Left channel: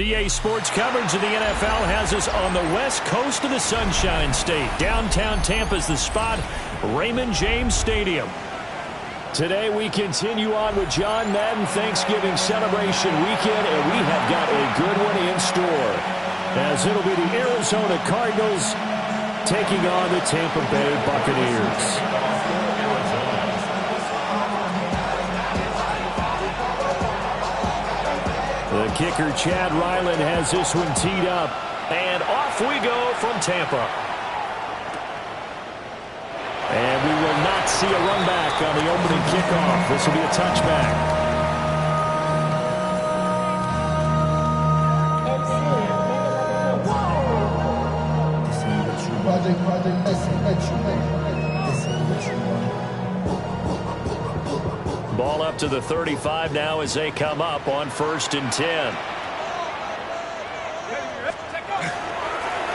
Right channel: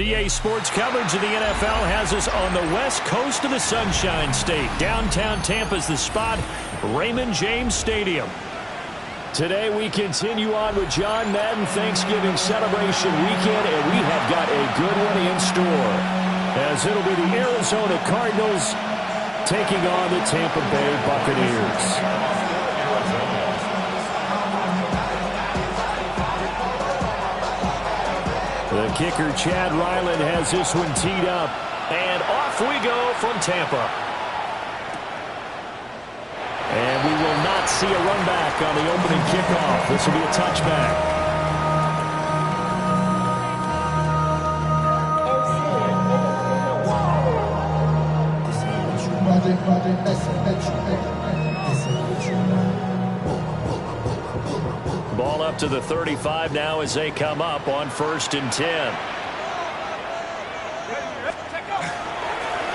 DA Sports coverage of the NFL has us on the west coast of the Sunshine State. Downtown Tampa's the spot, Raymond James Stadium. Today we continue on with John Madden Thanksgiving celebration weekend, and we have got a good one in store, as it'll be the Arizona Cardinals taking on the Tampa Bay Buccaneers. The kicker, Chad Ryland, has this one teed up. And off we go from Tampa. And we will not see a run back on the opening kickoff. This will be a touchback. Ball up to the 35 now as they come up on 1st and 10.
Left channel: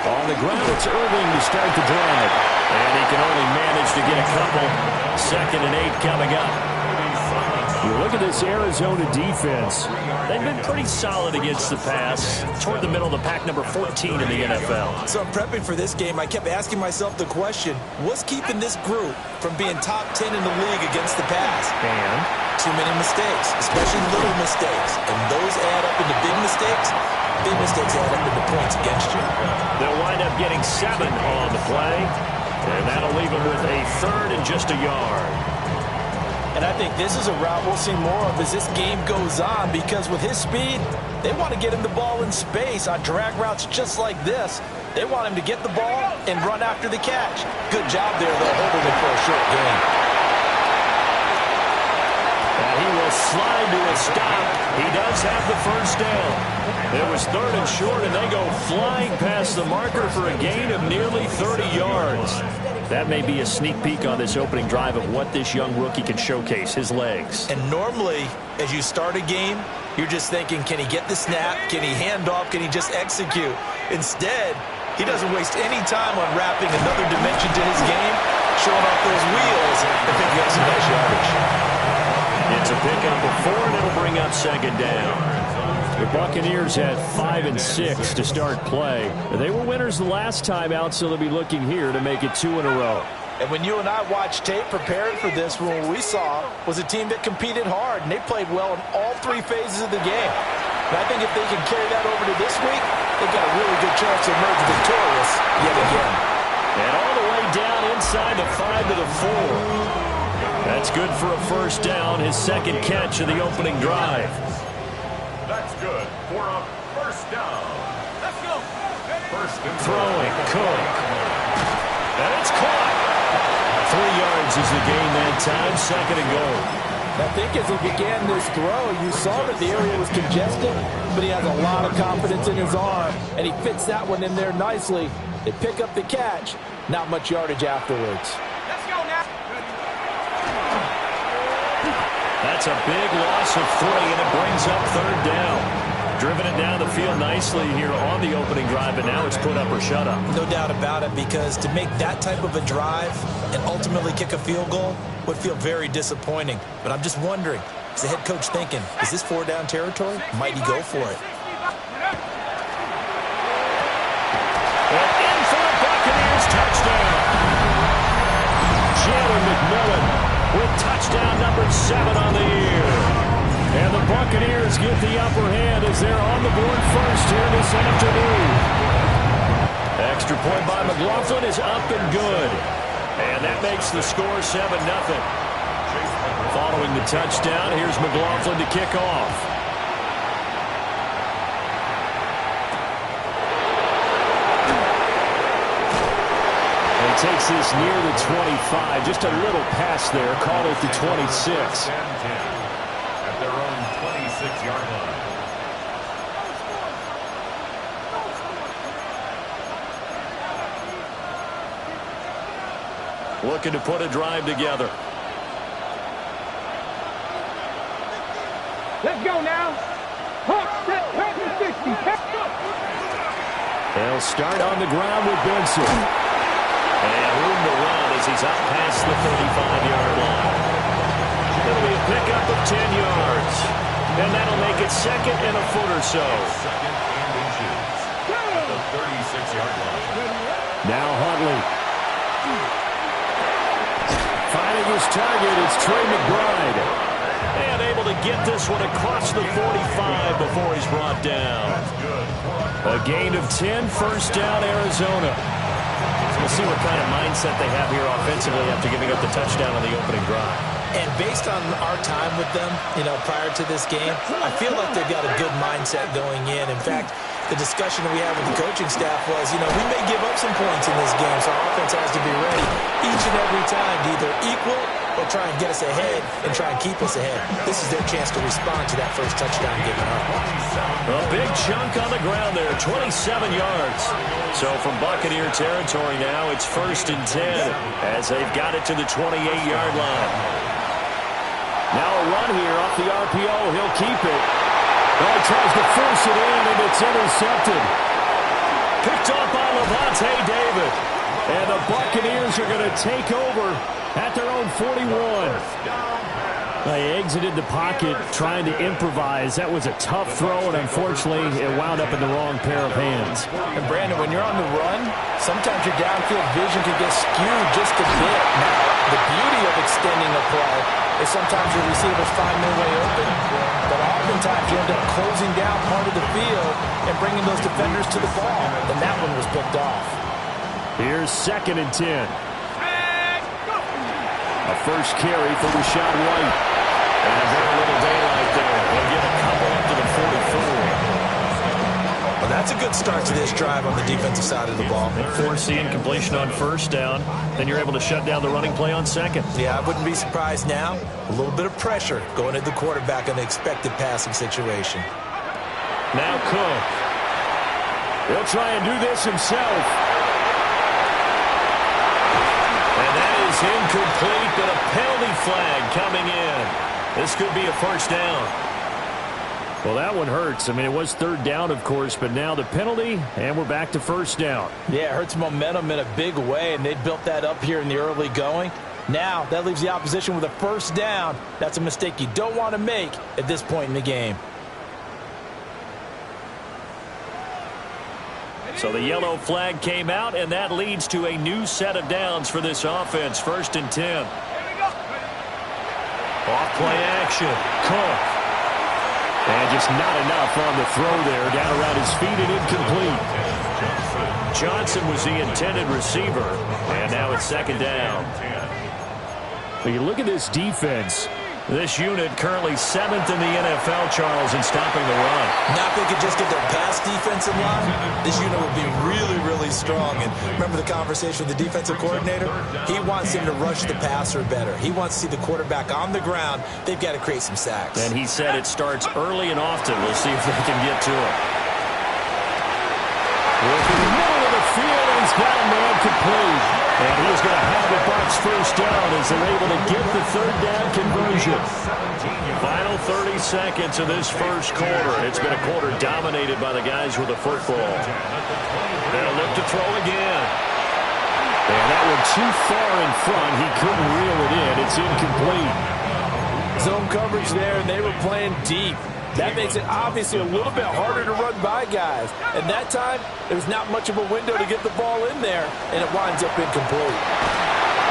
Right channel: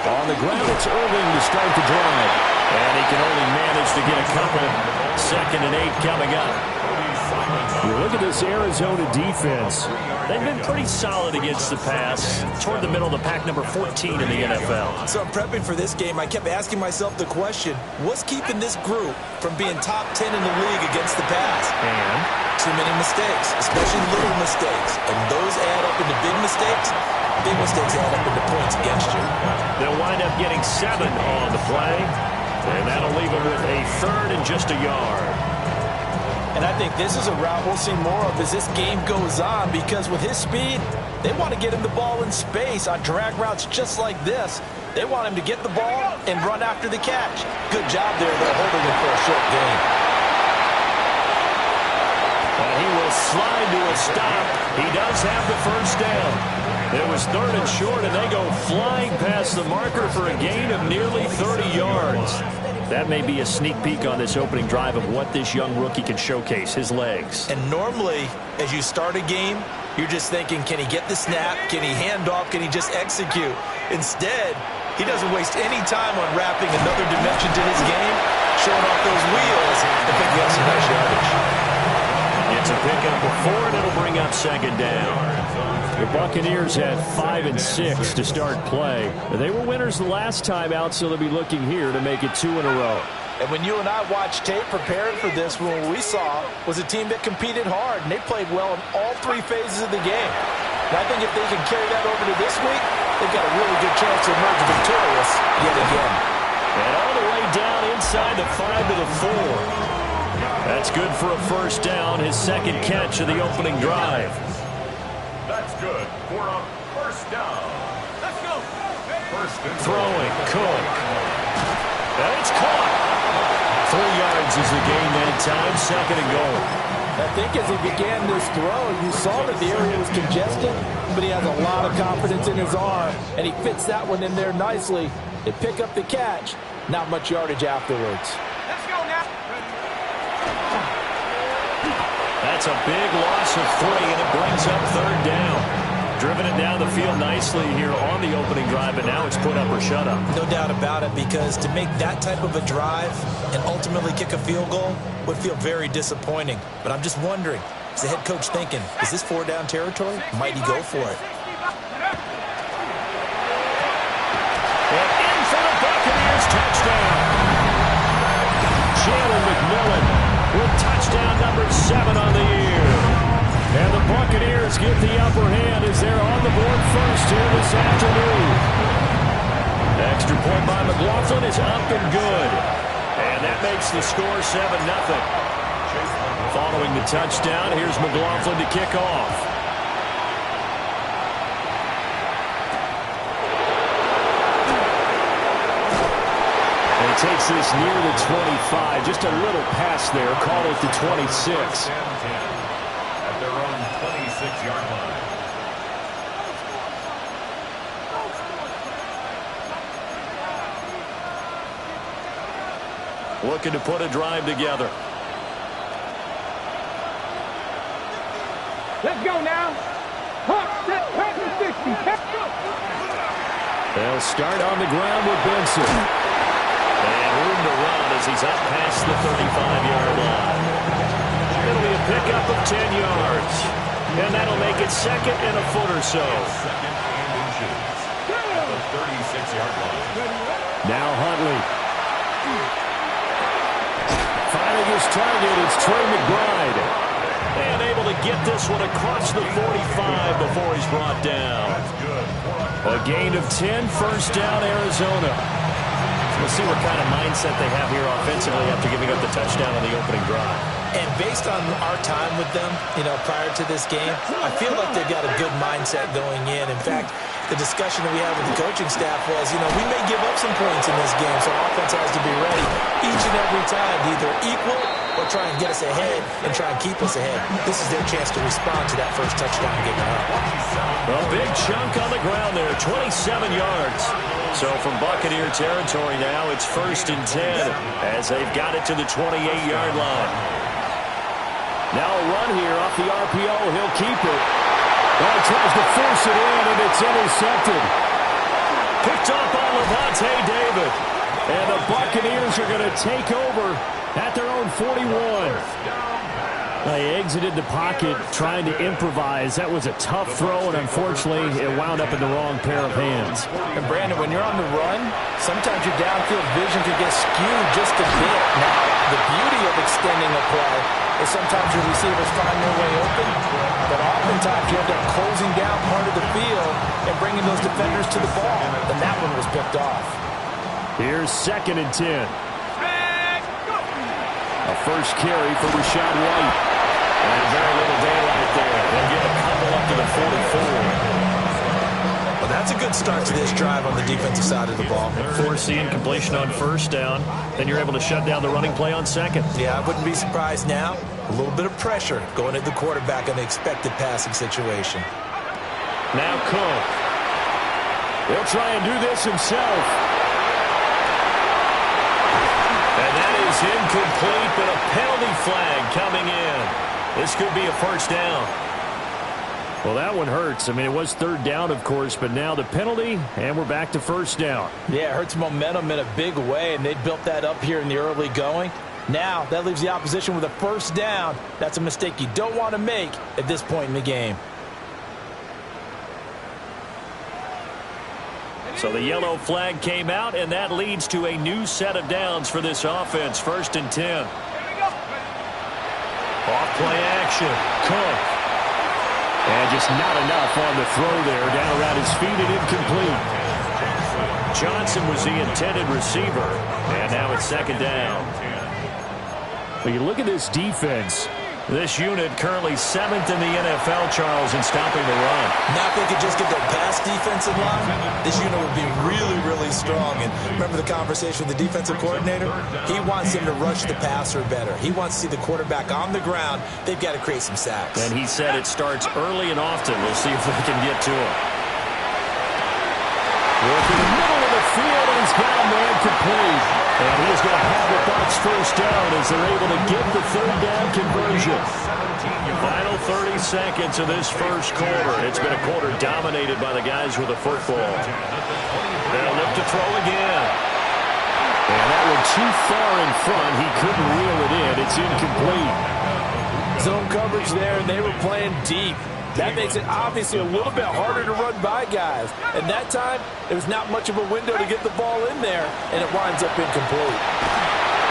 On the ground, it's Irving to start the drive. And he can only manage to get a couple. 2nd and 8 coming up. You look at this Arizona defense. They've been pretty solid against the pass. Toward the middle of the pack, number 14 in the NFL. So I'm prepping for this game. I kept asking myself the question, what's keeping this group from being top 10 in the league against the pass? And too many mistakes, especially little mistakes. And those add up into big mistakes. Big mistakes add up into points against you. They'll wind up getting 7 on the play. And that'll leave them with a 3rd and just a yard. And I think this is a route we'll see more of as this game goes on, because with his speed, they want to get him the ball in space on drag routes just like this. They want him to get the ball and run after the catch. Good job there, though, holding it for a short gain. He will slide to a stop. He does have the 1st down. It was 3rd and short, and they go flying past the marker for a gain of nearly 30 yards. That may be a sneak peek on this opening drive of what this young rookie can showcase, his legs. And normally, as you start a game, you're just thinking, can he get the snap? Can he hand off? Can he just execute? Instead, he doesn't waste any time on wrapping another dimension to his game, showing off those wheels and picking up some nice yardage. It's a pickup of 4, and it'll bring up 2nd down. The Buccaneers had 5 and 6 to start play. They were winners the last time out, so they'll be looking here to make it 2 in a row. And when you and I watched tape preparing for this, what we saw was a team that competed hard, and they played well in all 3 phases of the game. And I think if they can carry that over to this week, they've got a really good chance to emerge victorious yet again. And all the way down inside the 5 to the 4. That's good for a 1st down, his 2nd catch of the opening drive. That's good for a 1st down. Let's go. 1st and throwing, Cook. And it's caught. 3 yards is the gain that time, 2nd and goal. I think as he began this throw, you saw that the area was congested, but he has a lot of confidence in his arm, and he fits that one in there nicely. They pick up the catch, not much yardage afterwards. Let's go now. That's a big loss of 3, and it brings up 3rd down. Driven it down the field nicely here on the opening drive, but now it's put up or shut up. No doubt about it, because to make that type of a drive and ultimately kick a field goal would feel very disappointing. But I'm just wondering, is the head coach thinking, is this 4-down territory? Might he go for it? And in for the Buccaneers, touchdown. Jalen McMillan with touchdown number 7 on the year. And the Buccaneers get the upper hand as they're on the board first here this afternoon. Extra point by McLaughlin is up and good. And that makes the score 7-0. Following the touchdown, here's McLaughlin to kick off. Takes this near the 25. Just a little pass there. Call it the 26. At their own 26-yard line. Looking to put a drive together. Let's go now. They'll start on the ground with Benson. And room to run as he's up past the 35-yard line. It'll be a pickup of 10 yards. And that'll make it 2nd and a foot or so. 2nd and inches at the 36-yard line. Now Huntley. Finding his target, it's Trey McBride. And able to get this one across the 45 before he's brought down. A gain of 10, first down, Arizona. We'll see what kind of mindset they have here offensively after giving up the touchdown on the opening drive. And based on our time with them, prior to this game, I feel like they've got a good mindset going in. In fact, the discussion that we had with the coaching staff was, we may give up some points in this game, so our offense has to be ready each and every time to either equal or try and get us ahead and try and keep us ahead. This is their chance to respond to that first touchdown given up. A big chunk on the ground there, 27 yards. So from Buccaneer territory now, it's 1st and 10 as they've got it to the 28-yard line. Now a run here off the RPO. He'll keep it. Oh, he tries to force it in, and it's intercepted. Picked off by Lavonte David. And the Buccaneers are going to take over at their own 41. They exited the pocket trying to improvise. That was a tough throw, and unfortunately, it wound up in the wrong pair of hands. And, Brandon, when you're on the run, sometimes your downfield vision can get skewed just a bit. Now, the beauty of extending a play is sometimes your receivers find their way open, but oftentimes you end up closing down part of the field and bringing those defenders to the ball, and that one was picked off. Here's 2nd and 10. A first carry for Rachaad White. And very little daylight there. They'll get a couple up to the 44. Well, that's a good start to this drive on the defensive side of the ball. Force the incompletion on first down. Then you're able to shut down the running play on 2nd. Yeah, I wouldn't be surprised now. A little bit of pressure going at the quarterback in the expected passing situation. Now Cook. He'll try and do this himself. And that is incomplete, but a penalty flag coming in. This could be a first down. Well, that one hurts. I mean, it was 3rd down, of course, but now the penalty, and we're back to first down. Yeah, it hurts momentum in a big way, and they built that up here in the early going. Now, that leaves the opposition with a first down. That's a mistake you don't want to make at this point in the game. So the yellow flag came out, and that leads to a new set of downs for this offense. 1st and 10. Off play action. Cook. And just not enough on the throw there. Down around his feet and incomplete. Johnson was the intended receiver. And now it's 2nd down. But you look at this defense. This unit currently 7th in the NFL, Charles, in stopping the run. Now if they could just get their pass defense in line, this unit would be really, really strong. And remember the conversation with the defensive coordinator? He wants them to rush the passer better. He wants to see the quarterback on the ground. They've got to create some sacks. And he said it starts early and often. We'll see if they can get to him. Working the middle of the field, and he's got a man complete. And he's going to have the Bucs first down as they're able to get the 3rd down conversion. Final 30 seconds of this first quarter. It's been a quarter dominated by the guys with the football. They'll look to throw again. And that one too far in front. He couldn't reel it in. It's incomplete. Zone coverage there, and they were playing deep. That makes it obviously a little bit harder to run by guys. And that time, there was not much of a window to get the ball in there, and it winds up incomplete.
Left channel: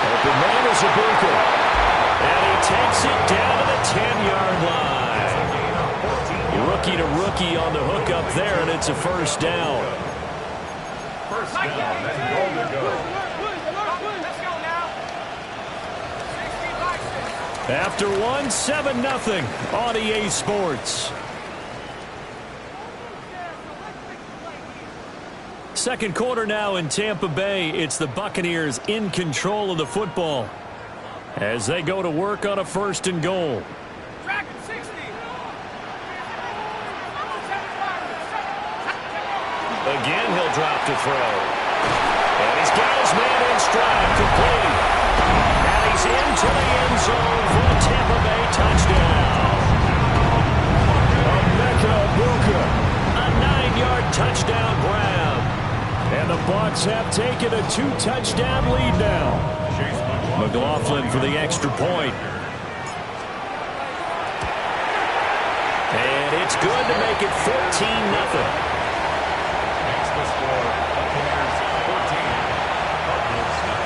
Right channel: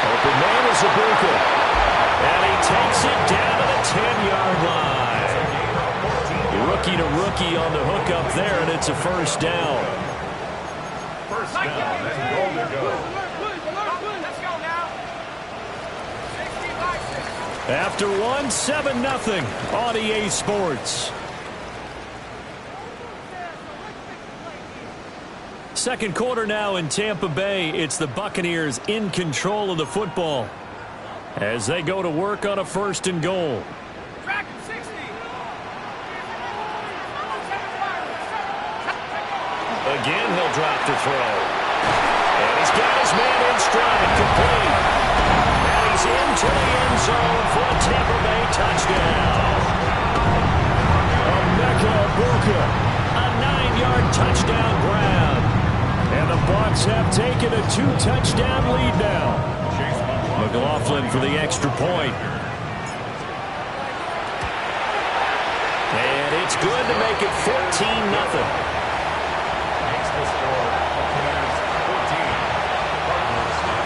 Open man is Ibuka. And he takes it down to the 10-yard line. Rookie to rookie on the hook up there, and it's a first down. First down, and goal to go. Let's go now. 65-6. After 7-0 on EA Sports. Second quarter now in Tampa Bay. It's the Buccaneers in control of the football as they go to work on a 1st and goal. Dragon 60. Again, he'll drop to throw. And he's got his man in stride, complete. And he's into the end zone for a Tampa Bay touchdown. Emeka Egbuka, a 9-yard touchdown grab. And the Bucs have taken a 2-touchdown lead now. McLaughlin for the extra point. It's good to make it 14-0. Makes the score Buccaneers 14, Cardinals 0.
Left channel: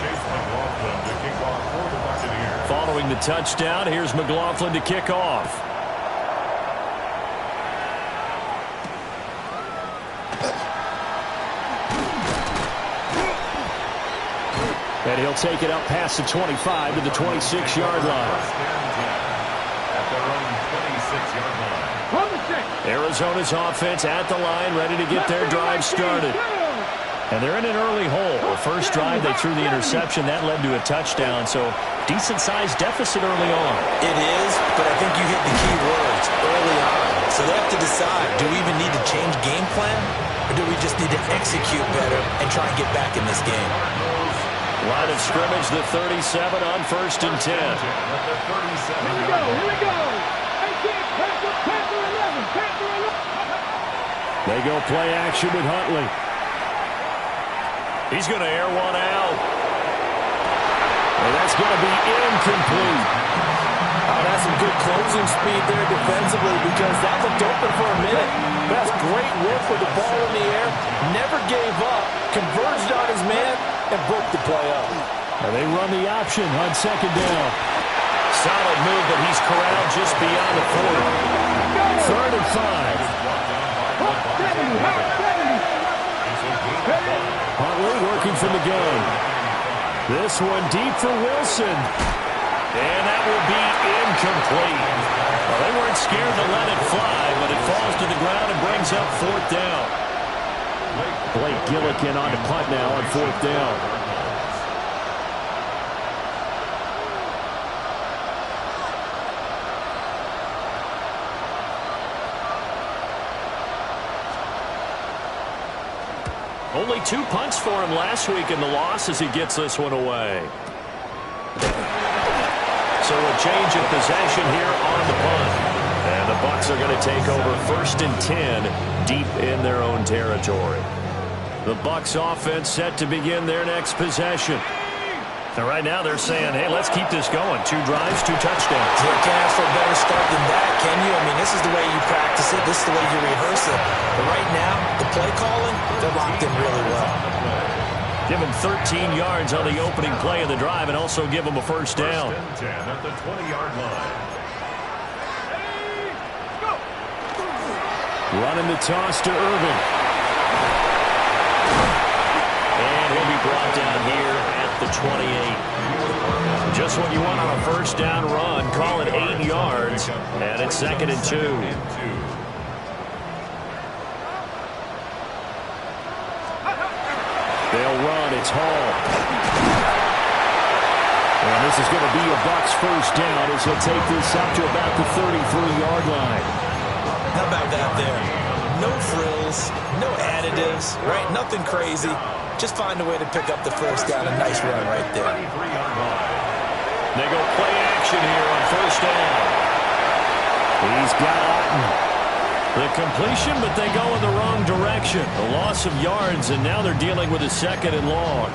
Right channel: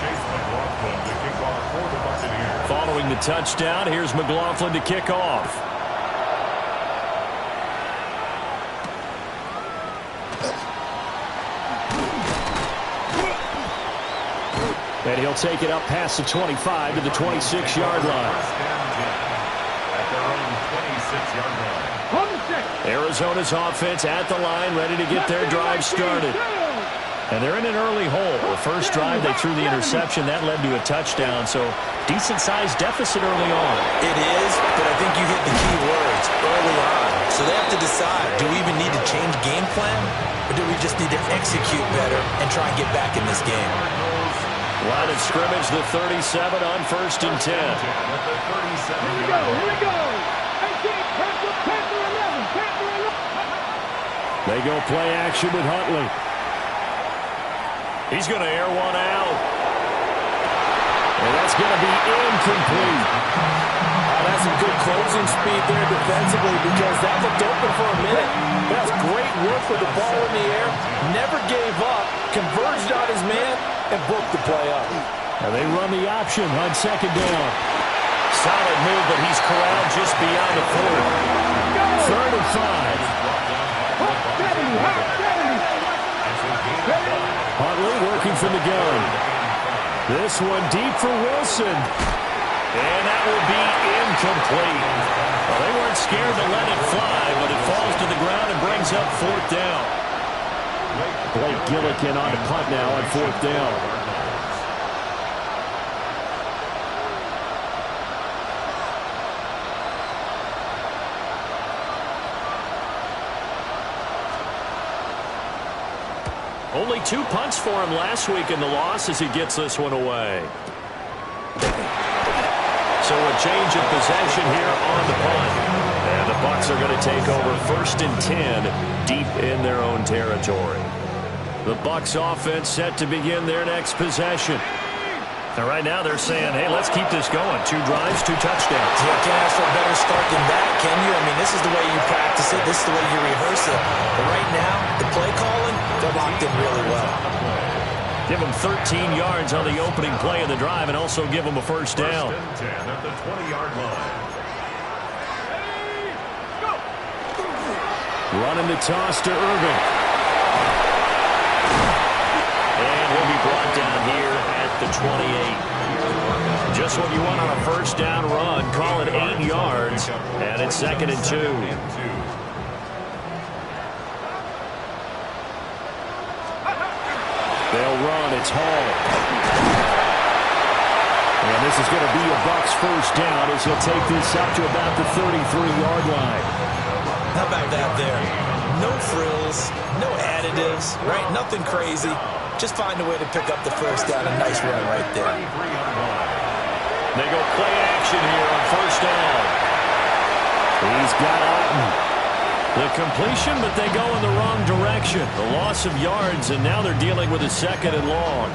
Chase McLaughlin to kick off for the Buccaneers. Following the touchdown, here's McLaughlin to kick off. And he'll take it up past the 25 to the 26-yard line. First and 10 at their own 26-yard line. Arizona's offense at the line, ready to get their drive started. And they're in an early hole. The first drive, they threw the interception. That led to a touchdown, so decent-sized deficit early on. It is, but I think you hit the key words early on. So they have to decide, do we even need to change game plan, or do we just need to execute better and try and get back in this game? Line of scrimmage, the 37 on first and 10. At the 37-yard line. Here we go. 18, Panther 11, Panther 11. They go play action with Huntley. He's going to air one out. And that's going to be incomplete. That's some good closing speed there defensively because that looked open for a minute. But that's great work with the ball in the air. Never gave up, converged on his man, and broke the play up. And they run the option on second down. Solid move, but he's corralled just beyond the 40. Third and 5. Huntley working from the gun. This one deep for Wilson. And that will be incomplete. Well, they weren't scared to let it fly, but it falls to the ground and brings up fourth down. Blake Gillikin on to punt now on fourth down. Only 2 punts for him last week in the loss as he gets this one away. So a change of possession here on the punt. And the Bucs are going to take over first and 10 deep in their own territory. The Bucs offense set to begin their next possession. And right now they're saying, hey, let's keep this going. 2 drives, 2 touchdowns. You can't ask for a better start than that, can you? I mean, this is the way you practice it. This is the way you rehearse it. But right now, the play calling, they're locked in really well. Give them 13 yards on the opening play of the drive and also give them a first down. First and 10 at the 20-yard line. Running the toss to Irving. And he'll be brought down here at the 28. Just what you want on a first down run. Call it 8 yards. And it's second and 2. They'll run. It's Hall. And this is going to be a Bucs first down as he'll take this up to about the 33-yard line. How about that there? No frills, no additives, right? Nothing crazy. Just find a way to pick up the first down. A nice run right there. They go play action here on first down. He's got Otten. The completion, but they go in the wrong direction. A loss of yards, and now they're dealing with a second and long.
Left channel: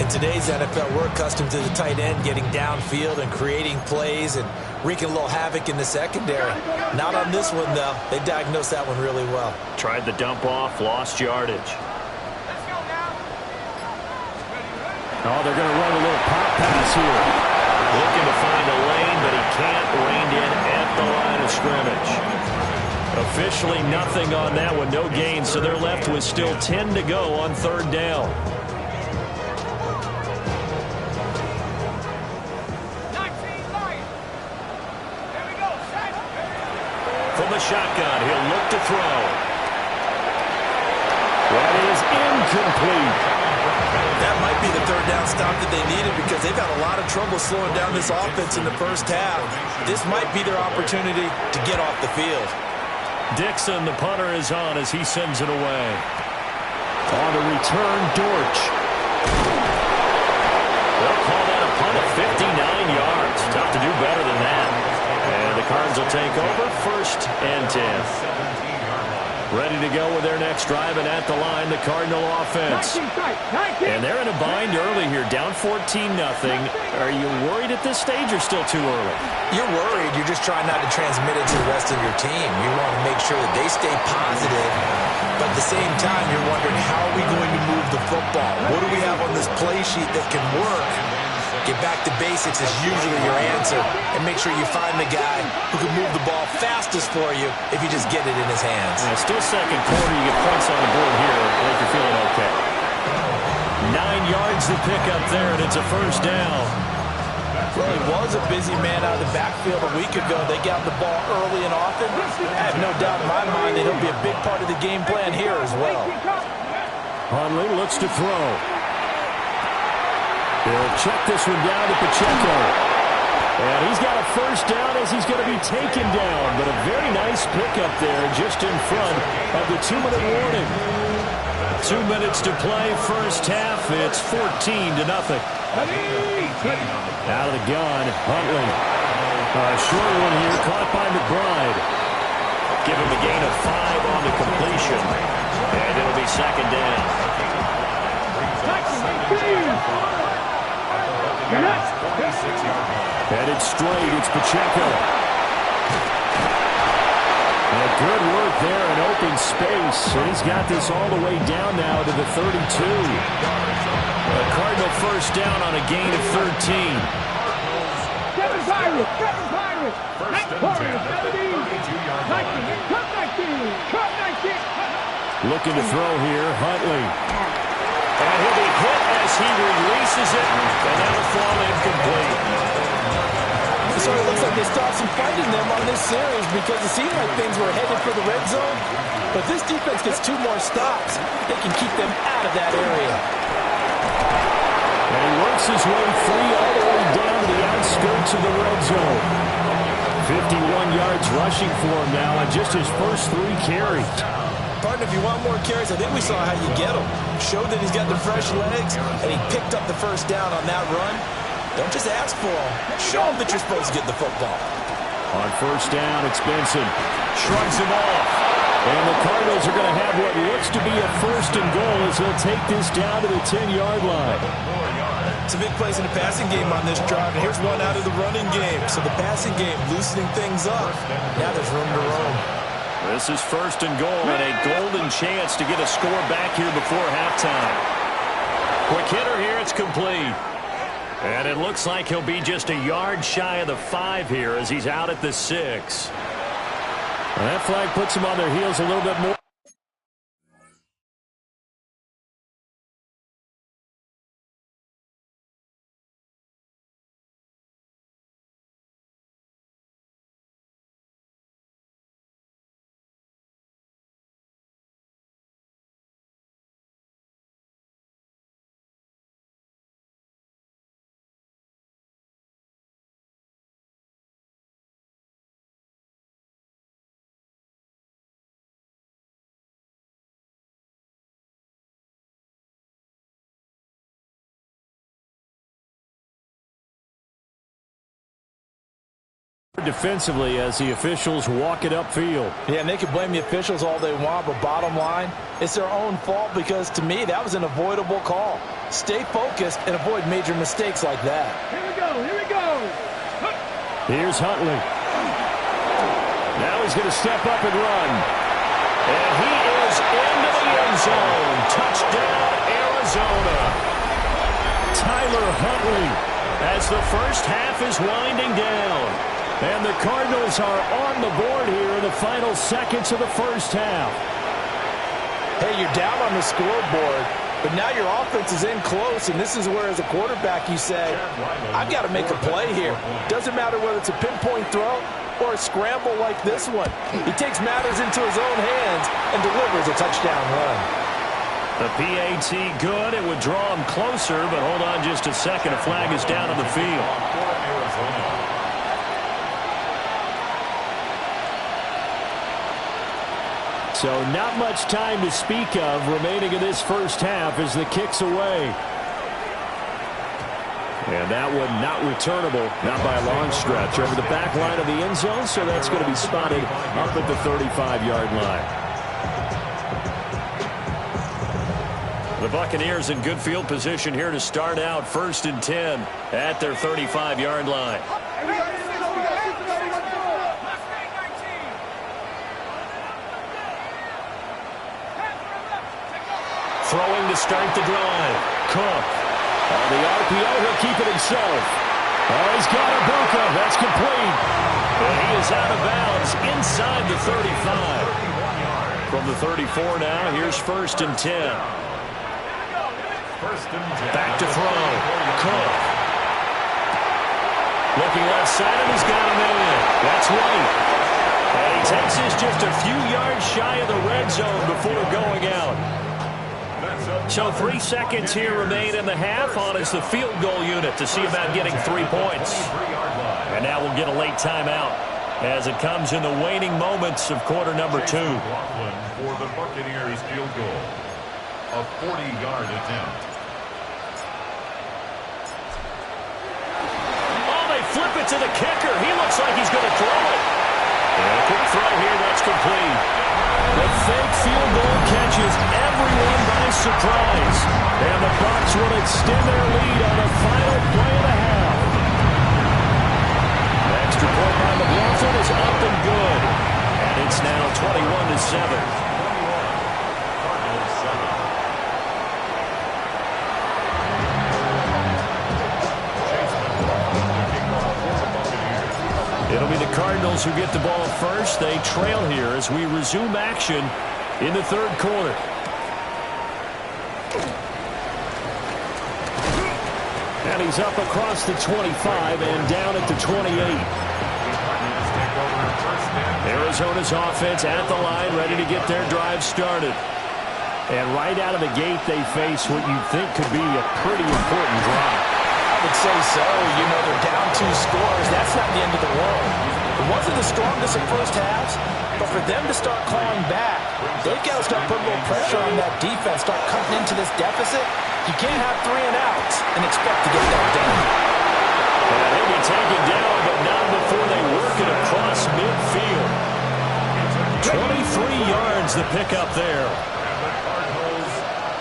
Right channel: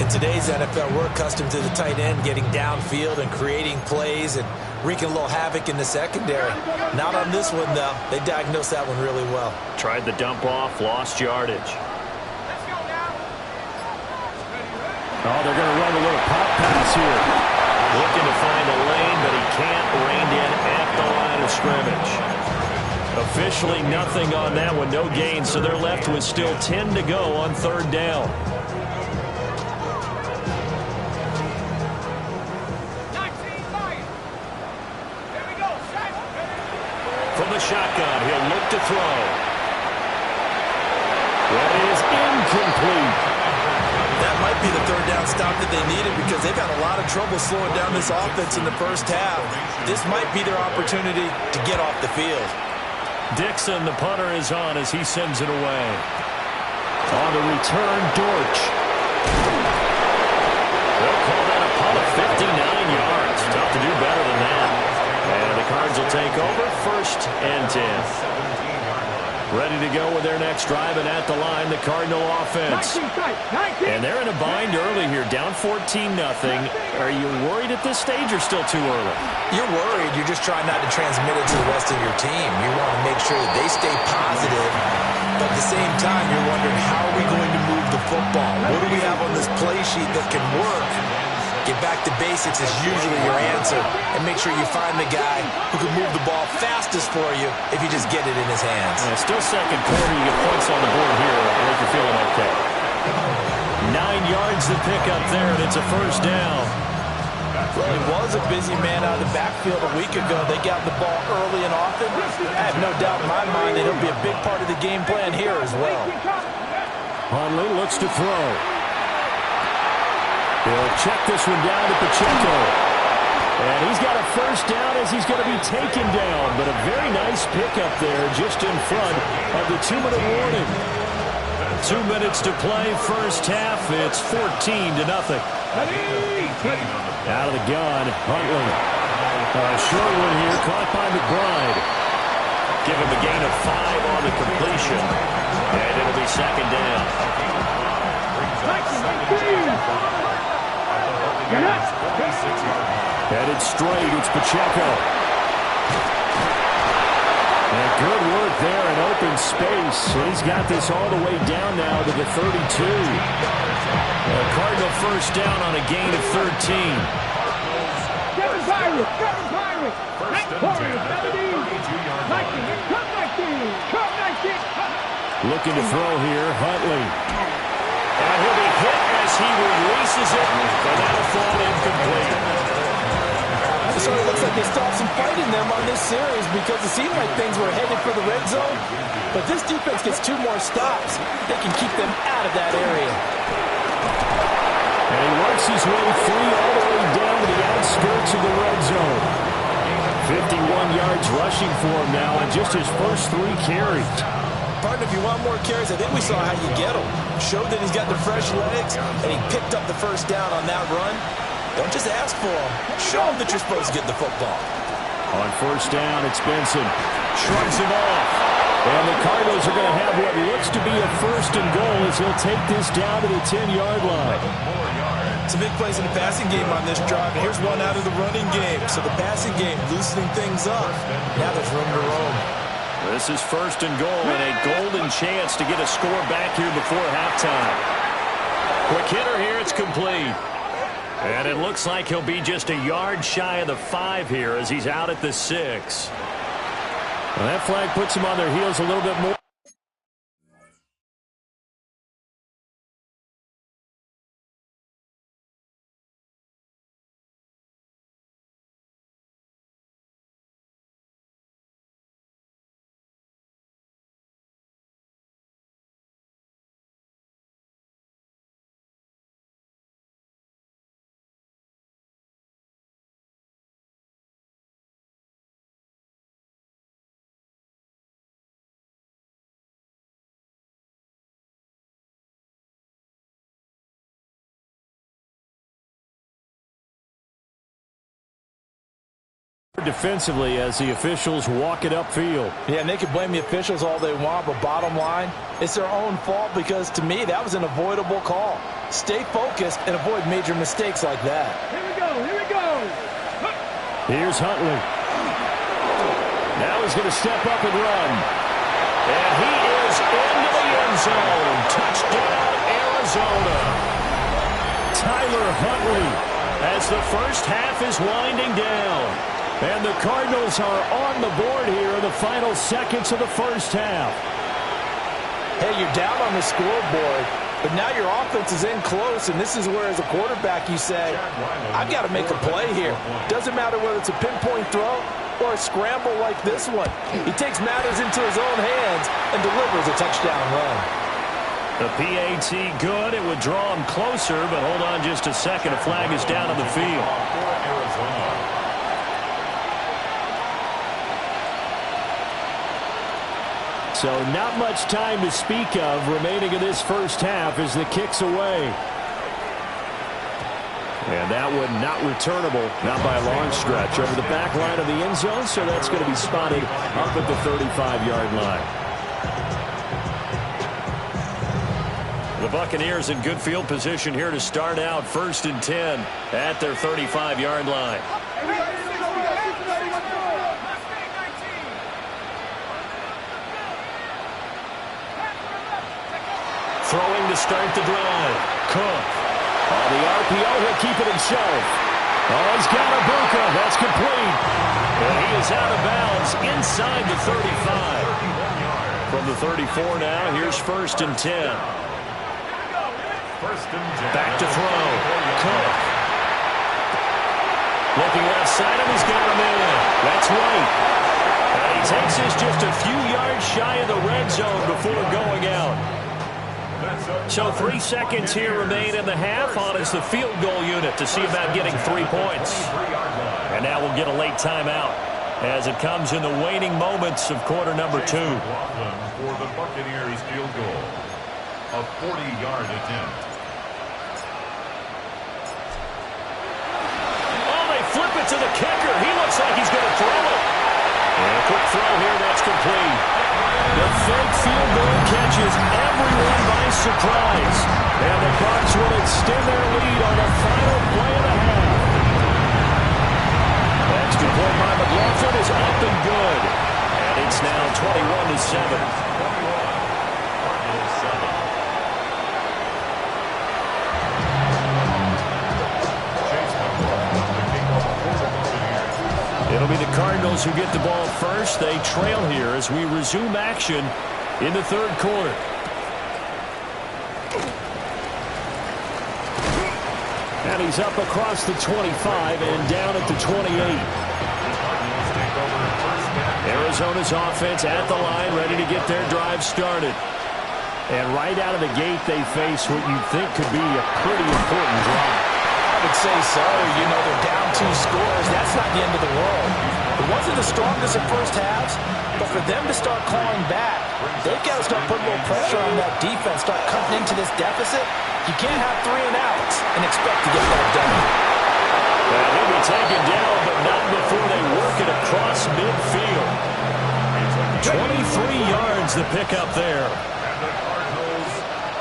In today's NFL, we're accustomed to the tight end getting downfield and creating plays and wreaking a little havoc in the secondary. Not on this one, though. They diagnosed that one really well. Tried the dump off, lost yardage. Let's go now. Oh, they're going to run a little pop pass here. Looking to find a lane, but he can't. Reined in at the line of scrimmage. Officially nothing on that one, no gain, so they're left with still 10 to go on third down. 19 Lions. Here we go. Set. From the shotgun, he'll look to throw. That is incomplete. That might be the third down stop that they needed because they've had a lot of trouble slowing down this offense in the first half. This might be their opportunity to get off the field. Dixon, the punter, is on as he sends it away. On the return, Dortch. They'll call that a punt of 59 yards. Tough to do better than that. And the Cards will take over first and 10. 17-yard line. Ready to go with their next drive, and at the line, the Cardinal offense. And they're in a bind early here, down 14-0. Are you worried at this stage or still too early? You're worried. You're just trying not to transmit it to the rest of your team. You want to make sure that they stay positive, but at the same time, you're wondering, how are we going to move the football? What do we have on this play sheet that can work? Get back to basics is usually your answer, and make sure you find the guy who can move the ball fastest for you if you just get it in his hands. Yeah, still second quarter. You get points on the board here. I think you're feeling okay. 9 yards to pick up there, and it's a first down. Well, he was a busy man out of the backfield a week ago. They got the ball early and often. I have no doubt in my mind that he'll be a big part of the game plan here as well. Hundley looks to throw. He'll check this one down to Pacheco. And he's got a first down as he's going to be taken down. But a very nice pickup there just in front of the 2-minute warning. 2 minutes to play, first half. It's 14-0. Out of the gun, Huntley. A short one here, caught by McBride. Give him a gain of 5 on the completion. And it'll be second down. Headed straight, it's Pacheco. And good work there in open space. And he's got this all the way down now to the 32. A Cardinal first down on a gain of 13. Kevin Byron. Hank Warrior, 17. 19. Looking to throw here, Huntley. And he'll be hit as he releases it, and that'll fall incomplete. So it looks like they stopped some fight in them on this series because it seemed like things were headed for the red zone. But this defense gets 2 more stops. They can keep them out of that area. And he works his way free all the way down to the outskirts of the red zone. 51 yards rushing for him now on just his first 3 carries. Partner, if you want more carries, I think we saw how you get them. Showed that he's got the fresh legs, and he picked up the first down on that run. Don't just ask for them. Show them that you're supposed to get the football. On first down, it's Benson. Shrugs him off. And the Cardinals are going to have what looks to be a first and goal as he'll take this down to the 10-yard line. Some big plays in the passing game on this drive, and here's one out of the running game. So the passing game loosening things up. Now there's room to roam. This is first and goal, and a golden chance to get a score back here before halftime. Quick hitter here, it's complete. And it looks like he'll be just a yard shy of the 5 here as he's out at the 6. Well, that flag puts them on their heels a little bit more. Defensively as the officials walk it upfield. Yeah, and they can blame the officials all they want, but bottom line, it's their own fault because, to me, that was an avoidable call. Stay focused and avoid major mistakes like that. Here we go. Here's Huntley. Now he's going to step up and run. And he is into the end zone. Touchdown, Arizona. Tyler Huntley as the first half is winding down. And the Cardinals are on the board here in the final seconds of the first half. Hey, you're down on the scoreboard, but now your offense is in close, and this is where, as a quarterback, you say, I've got to make a play here. Doesn't matter whether it's a pinpoint throw or a scramble like this one. He takes matters into his own hands and delivers a touchdown run. The PAT good. It would draw him closer, but hold on just a second. A flag is down on the field. So not much time to speak of remaining in this first half as the kick's away. And that one not returnable, not by a long stretch, over the back line of the end zone, so that's going to be spotted up at the 35-yard line. The Buccaneers in good field position here to start out 1st and 10 at their 35-yard line. Throwing to start the drive. Cook. On the RPO, he'll keep it himself. Oh, he's got Ibuka. That's complete. And he is out of bounds inside the 35. From the 34 now, here's 1st and 10. Back to throw. Cook. Looking left side, and he's got him in. That's White. And he takes this just a few yards shy of the red zone before going out. So 3 seconds here remain in the half. On is the field goal unit to see about getting 3 points. And now we'll get a late timeout as it comes in the waning moments of quarter number 2. For the Buccaneers field goal. A 40-yard attempt. Oh, they flip it to the kicker. He looks like he's going to throw it. And a quick throw here, that's complete. The fake field goal catches everyone by surprise. And the Bucs will extend their lead on the final play of the half. The extra point by McLaughlin is up and good. And it's now 21-7. 21. Cardinals 7. It'll be the Cardinals who get the ball first. They trail here as we resume action in the 3rd quarter. And he's up across the 25 and down at the 28. Arizona's offense at the line, ready to get their drive started. And right out of the gate, they face what you think could be a pretty important drive. I would say so. You know, they're down 2 scores. That's not the end of the world. It wasn't the strongest of first halves, but for them to start clawing back, they've got to start putting a little pressure on that defense, start cutting into this deficit. You can't have 3 and outs and expect to get that done. And he'll be taken down, but not before they work it across midfield. 23 yards the pickup there. And the Cardinals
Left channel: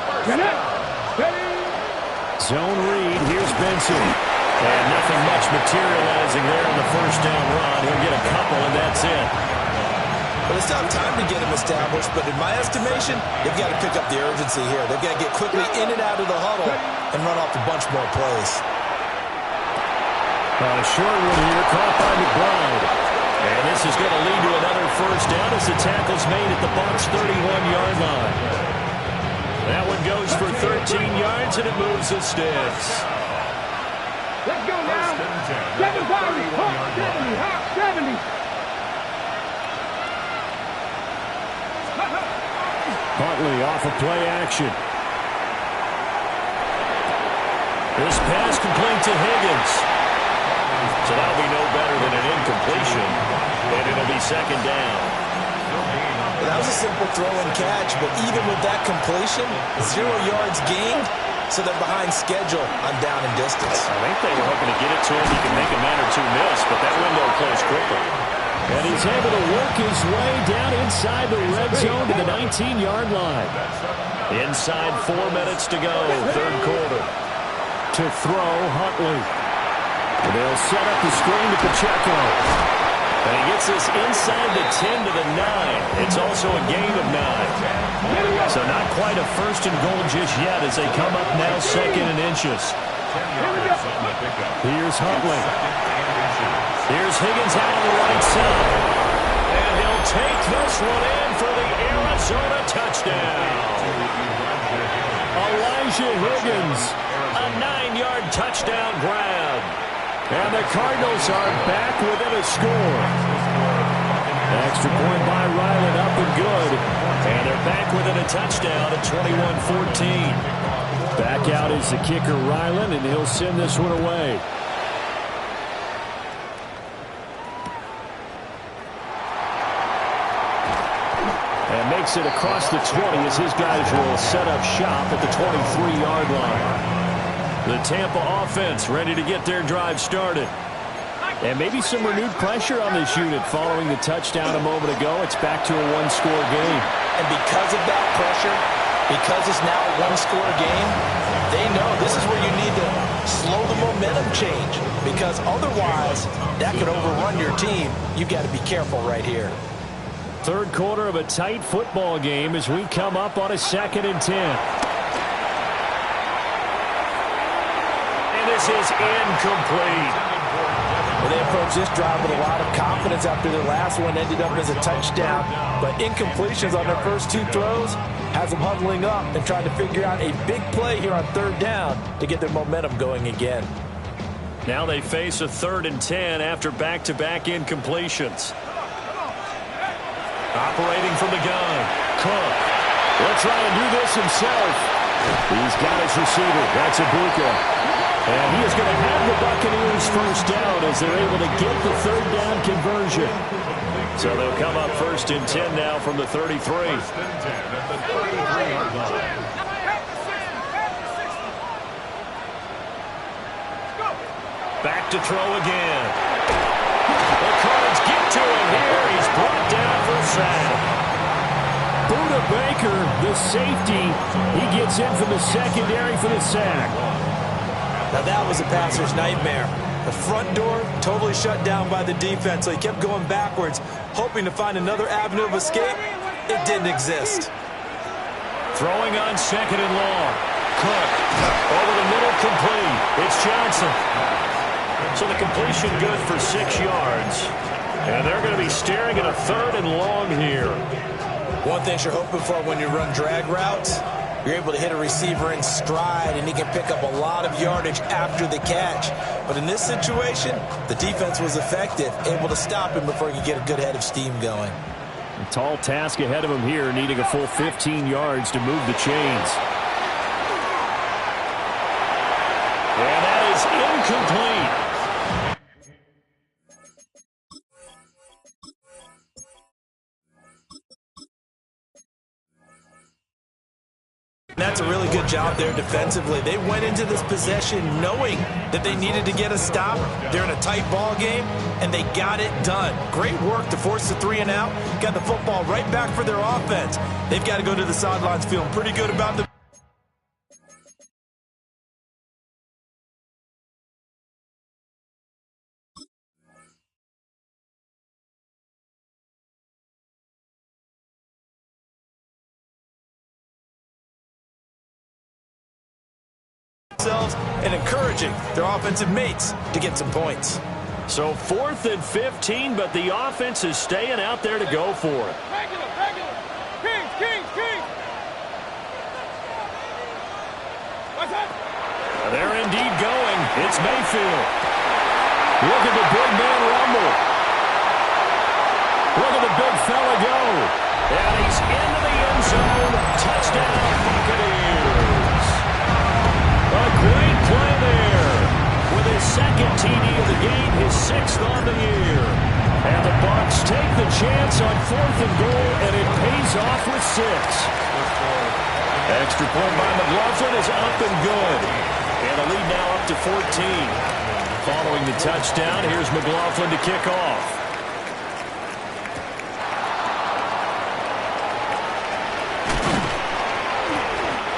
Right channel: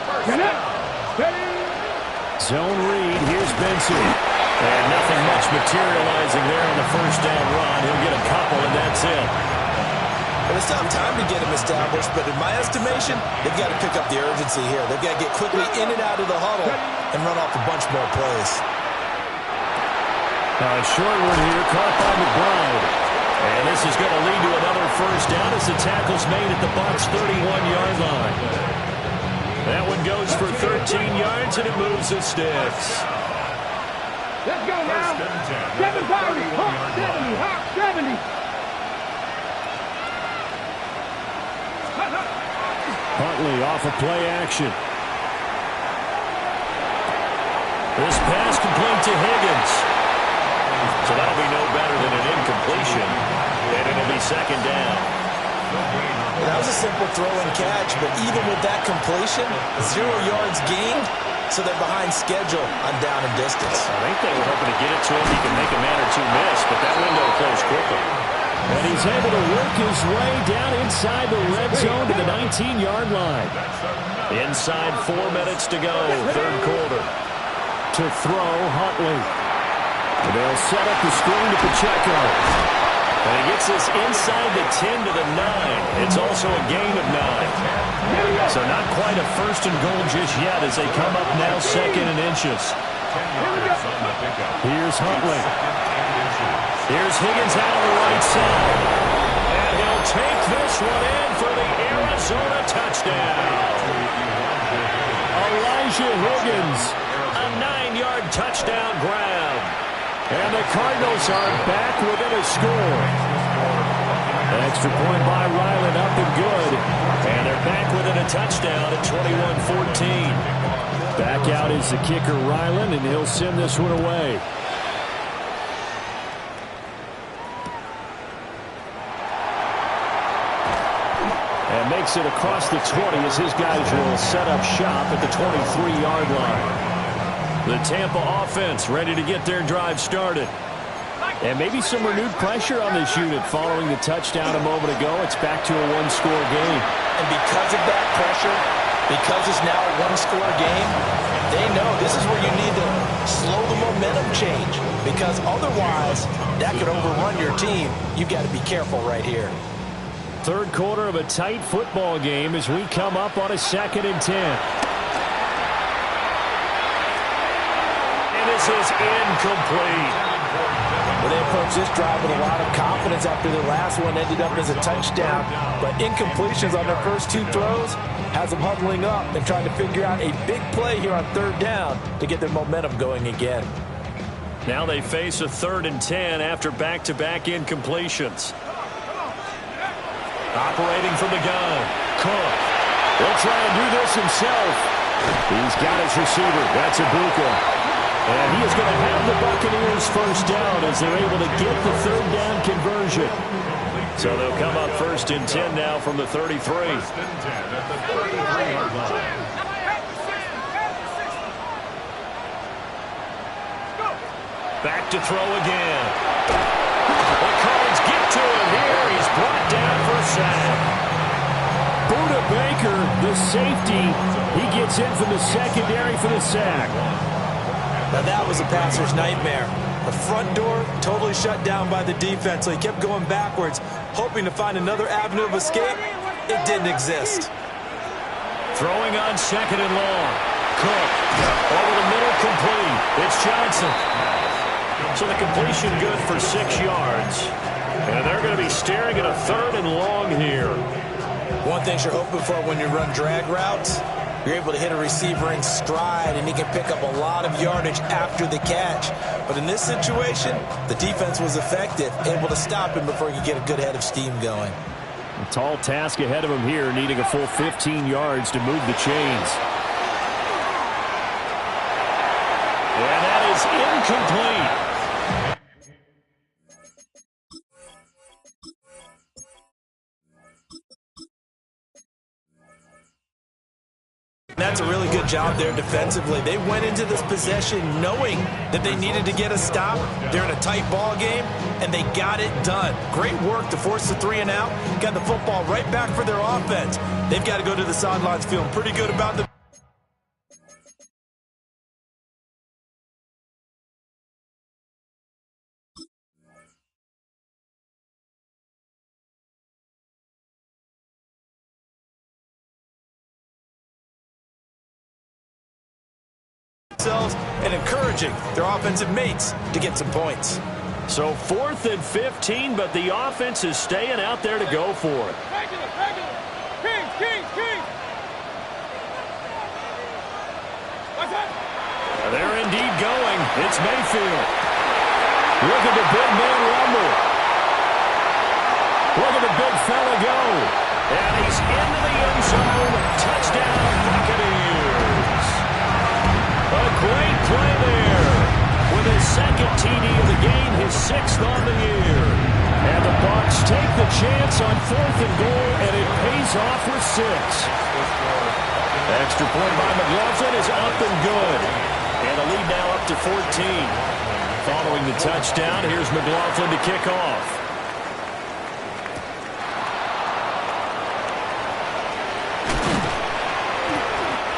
first down. Zone read. Here's Benson. And nothing much materializing there on the first down run. He'll get a couple, and that's it. Well, they still have time to get him established, but in my estimation, they've got to pick up the urgency here. They've got to get quickly in and out of the huddle and run off a bunch more plays. A short one here, caught by McBride. And this is going to lead to another first down as the tackle's made at the Bucs' 31-yard line. That one goes for 13 yards, and it moves the sticks. Let's go now. 7 70, Hawk 70, Hawk 70. Huntley off of play action. This pass complete to Higgins. So that'll be no better than an incompletion, and it'll be 2nd down. That was a simple throw and catch, but even with that completion, 0 yards gained, so they're behind schedule on down and distance. I think they were hoping to get it to him. He can make a man or 2 miss, but that window closed quickly. And he's able to work his way down inside the red zone to the 19-yard line. Inside 4 minutes to go, 3rd quarter. To throw, Huntley. They'll set up the screen to Pacheco. And he gets this inside the 10 to the 9. It's also a gain of 9. So not quite a 1st and goal just yet as they come up now 2nd and inches. Here's Huntley. Here's Higgins out on the right side. And he'll take this one in for the Arizona touchdown. Elijah Higgins, a 9-yard touchdown grab. And the Cardinals are back within a score. Extra point by Ryland, up and good. And they're back within a touchdown at 21-14. Back out is the kicker, Ryland, and he'll send this one away. And makes it across the 20 as his guys will set up shop at the 23-yard line. The Tampa offense ready to get their drive started. And maybe some renewed pressure on this unit following the touchdown a moment ago. It's back to a 1-score game. And because of that pressure, Because it's now a one-score game, they know this is where you need to slow the momentum change, because otherwise that could overrun your team. You've got to be careful right here. Third quarter of a tight football game as we come up on a 2nd and 10. And this is incomplete. Well, they approached this drive with a lot of confidence after their last one ended up as a touchdown. But incompletions on their first 2 throws has them huddling up and trying to figure out a big play here on 3rd down to get their momentum going again. Now they face a 3rd and 10 after back-to-back incompletions. Operating from the gun, Cook. He'll try and do this himself. He's got his receiver. That's Ibuka. And he is going to have the Buccaneers first down as they're able to get the 3rd down conversion. So they'll come up 1st and 10 now from the 33. 1st and 10 at the 33-yard line. Back to throw again. The Cards get to him here. He's brought down for a sack. Budda Baker, the safety, he gets in from the secondary for the sack. Now that was a passer's nightmare. The front door totally shut down by the defense, so he kept going backwards, hoping to find another avenue of escape. It didn't exist. Throwing on 2nd and long. Cook over the middle, complete. It's Johnson. So the completion good for 6 yards. And they're going to be staring at a 3rd and long here. One thing you're hoping for when you run drag routes, you're able to hit a receiver in stride, and he can pick up a lot of yardage after the catch. But in this situation, the defense was effective, able to stop him before he could get a good head of steam going. A tall task ahead of him here, needing a full 15 yards to move the chains. And that is incomplete. That's a really good job there defensively. They went into this possession knowing that they needed to get a stop. They're in a tight ball game, and they got it done. Great work to force the 3 and out. Got the football right back for their offense. They've got to go to the sidelines feeling pretty good about the and encouraging their offensive mates to get some points. So 4th and 15, but the offense is staying out there to go for it. Regular. Kings. What's that? They're indeed going. It's Mayfield. Look at the big man rumble. Look at the big fella go. And he's into the end zone. Touchdown, Buccaneers. A great play there. With his 2nd TD of the game, his 6th on the year. And the Bucs take the chance on 4th and goal, and it pays off with 6. Extra point by McLaughlin is up and good. And the lead now up to 14. Following the touchdown, here's McLaughlin to kick off.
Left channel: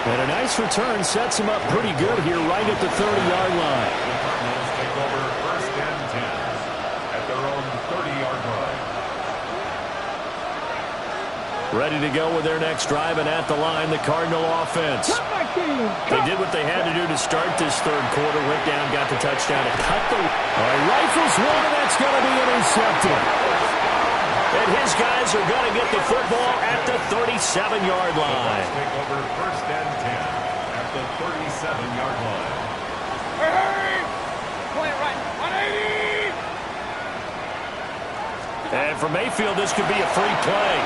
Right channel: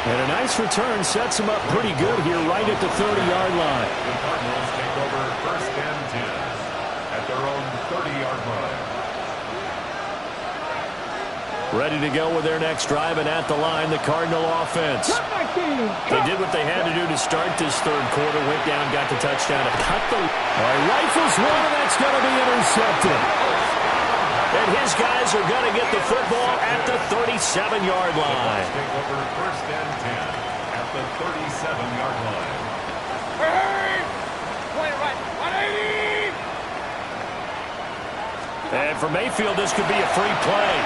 And a nice return sets him up pretty good here right at the 30-yard line. The Cardinals take over 1st and 10 at their own 30-yard line. Ready to go with their next drive, and at the line, the Cardinal offense. They did what they had to do to start this 3rd quarter. Went down, got the touchdown, and cut the... All right, rifles one, and that's going to be intercepted. And his guys are going to get the football at the 37-yard line. Take over 1st and 10 at the 37-yard line. Hey! Point right. 180! And for Mayfield, this could be a free play.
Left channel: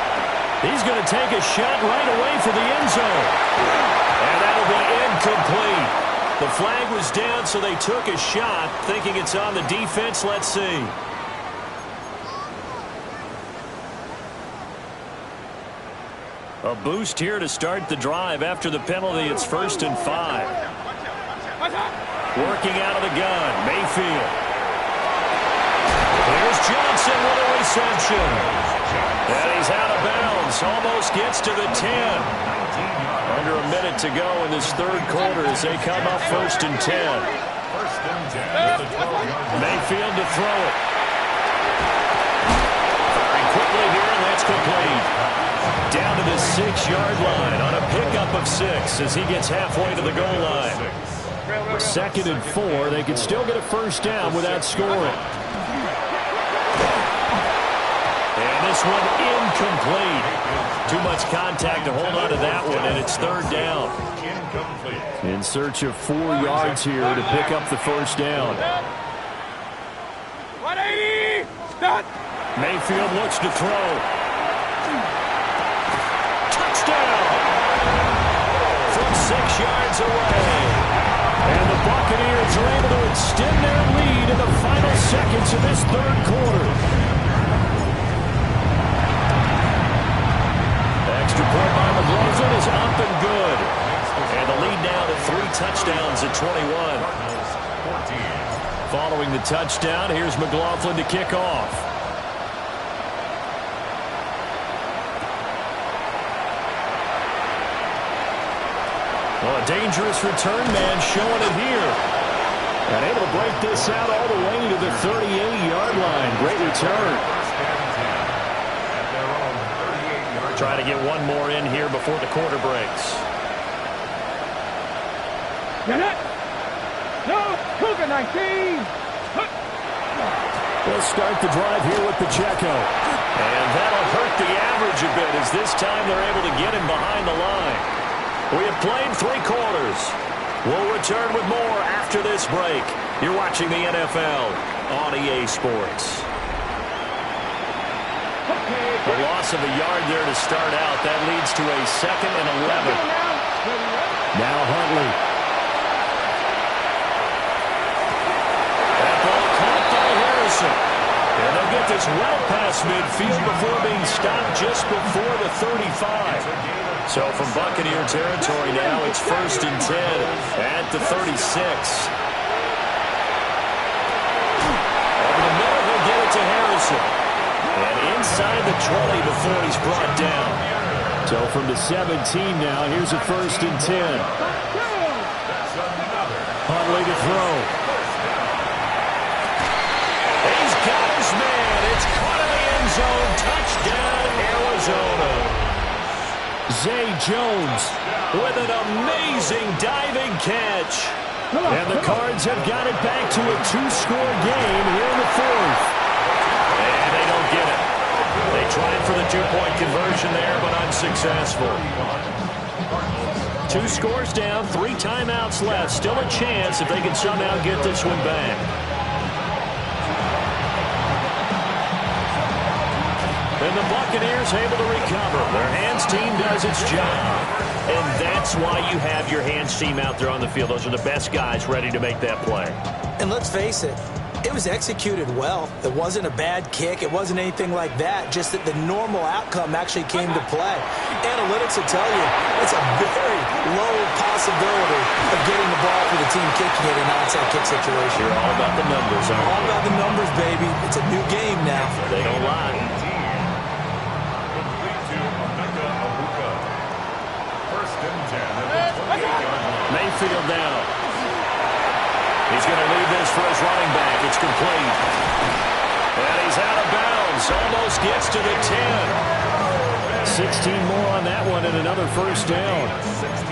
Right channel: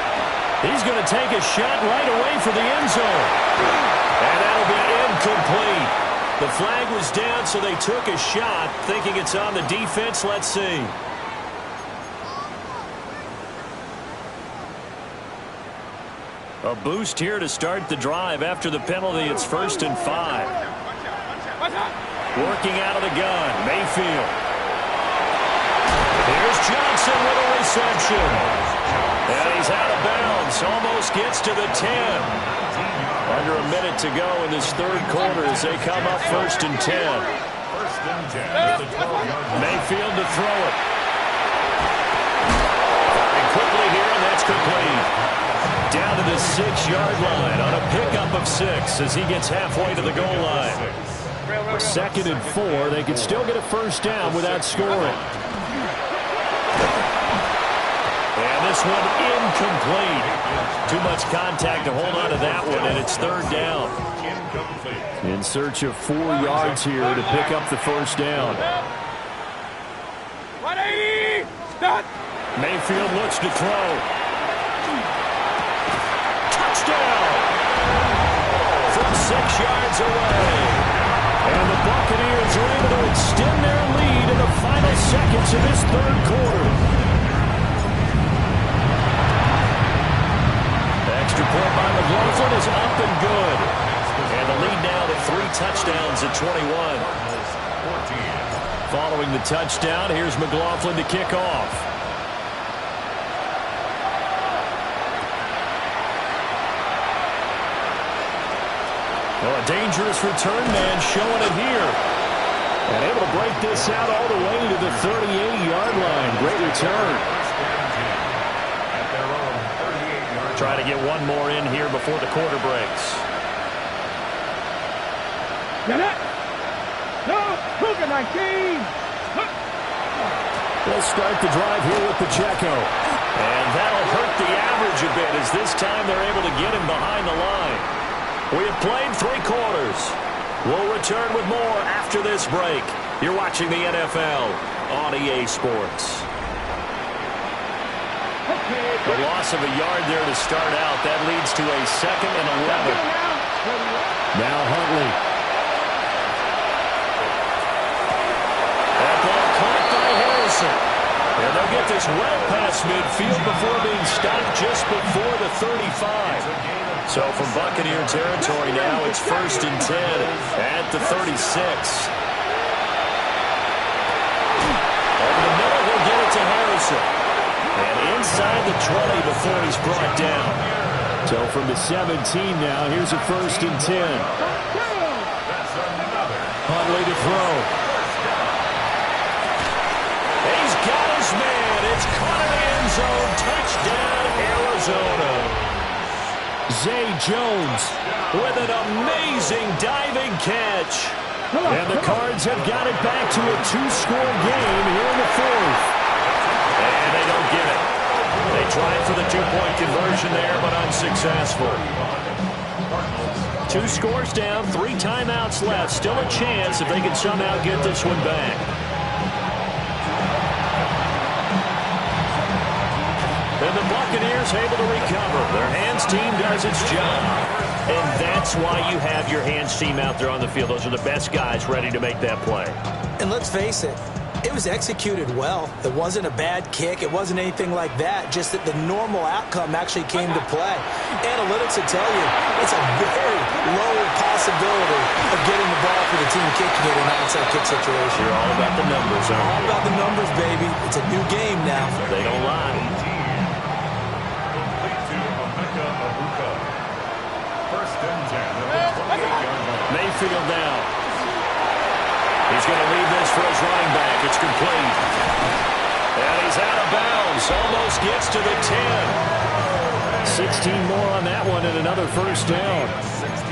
He's going to take a shot right away for the end zone. And that'll be incomplete. The flag was down, so they took a shot, thinking it's on the defense. Let's see. A boost here to start the drive after the penalty. It's 1st and 5. Working out of the gun, Mayfield. Here's Johnson with a reception. And he's out of bounds. Almost gets to the 10. Under a minute to go in this third quarter as they come up 1st and 10. Mayfield to throw it. Firing quickly here, and that's complete. Down to the 6-yard line on a pickup of 6 as he gets halfway to the goal line. 2nd and 4. They can still get a first down without scoring. And this one incomplete. Too much contact to hold on to that one, and it's 3rd down. In search of 4 yards here to pick up the first down. 180! Stop! Mayfield looks to throw. Touchdown! From 6 yards away. And the Buccaneers are able to extend their lead in the final seconds of this third quarter. Extra point by McLaughlin is up and good. And the lead now to 3 touchdowns at 21. Following the touchdown, here's McLaughlin to kick off. Well, a dangerous return man showing it here. And able to break this out all the way to the 38-yard line. Great return. Trying to get one more in here before the quarter breaks. Get it! No! Cougar 19! They'll start the drive here with Pacheco. And that'll hurt the average a bit as this time they're able to get him behind the line. We have played 3 quarters. We'll return with more after this break. You're watching the NFL on EA Sports. The loss of a yard there to start out. That leads to a 2nd and 11. Now Huntley. That ball caught by Harrison. And they'll get this well past midfield before being stopped just before the 35. So from Buccaneer territory now, it's 1st and 10 at the 36. Over the middle, he'll get it to Harrison. And inside the 20 before he's brought down. So from the 17 now, here's a 1st and 10. Huntley to throw. He's got his man. It's caught in the end zone. Touchdown, Arizona. Zay Jones with an amazing diving catch. And the Cards have got it back to a 2-score game here in the 4th. And they don't get it. They tried for the 2-point conversion there, but unsuccessful. 2 scores down, 3 timeouts left. Still a chance if they can somehow get this one back. And the Buccaneers able to recover. Their hands team does its job. And that's why you have your hands team out there on the field. Those are the best guys ready to make that play. And let's face it, it was executed well. It wasn't a bad kick. It wasn't anything like that. Just that the normal outcome actually came to play. Analytics will tell you it's a very low possibility of getting the ball for the team kicking it in an onside kick situation. You're all about the numbers, aren't you? All about the numbers, baby. It's a new game now. They don't lie. Mayfield now. He's going to leave this for his running back. It's complete. And he's out of bounds. Almost gets to the 10. 16 more on that one and another first down.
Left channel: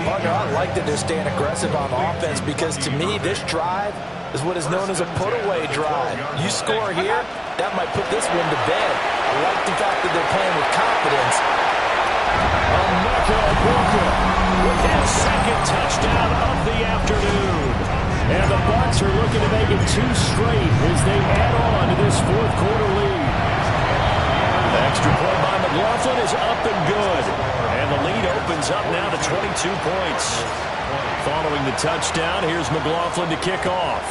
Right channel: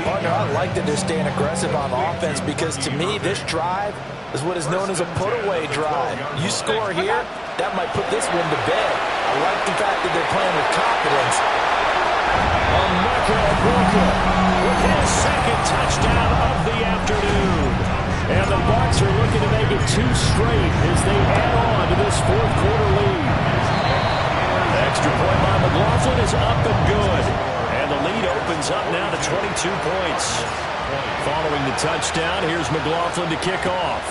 Partner, I like that they're staying aggressive on offense because to me, this drive is what is known as a put-away drive. You score here, that might put this one to bed. I like the fact that they're playing with confidence. Emeka Egbuka with his 2nd touchdown of the afternoon. And the Bucs are looking to make it 2 straight as they add on to this 4th quarter lead. The extra point by McLaughlin is up and good. And the lead opens up now to 22 points. Following the touchdown, here's McLaughlin to kick off.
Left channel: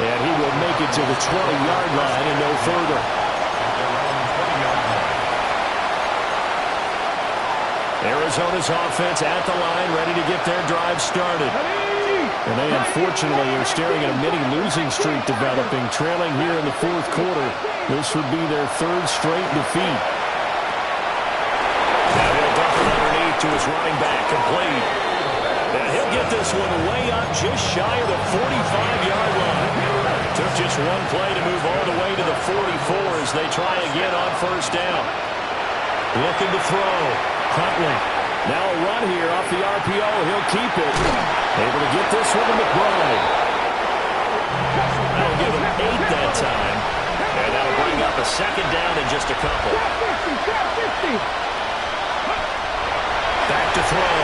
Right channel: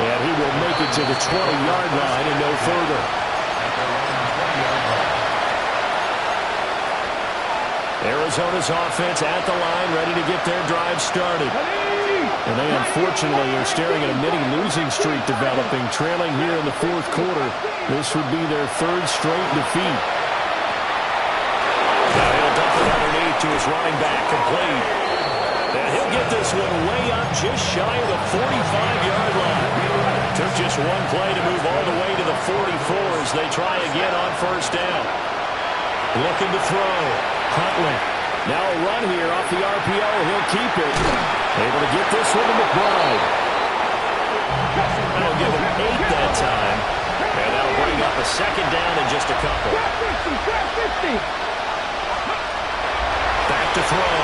And he will make it to the 20-yard line and no further. Arizona's offense at the line, ready to get their drive started. And they unfortunately are staring at a mini-losing streak developing, trailing here in the fourth quarter. This would be their third straight defeat. Now he'll dump it underneath to his running back, complete. And he'll get this one way up just shy of the 45-yard line. Took just one play to move all the way to the 44 as they try again on first down. Looking to throw. Huntley. Now a run here off the RPO. He'll keep it. Able to get this one to McBride. That'll give him 8 that time. And that'll bring up a second down in just a couple. Back to throw.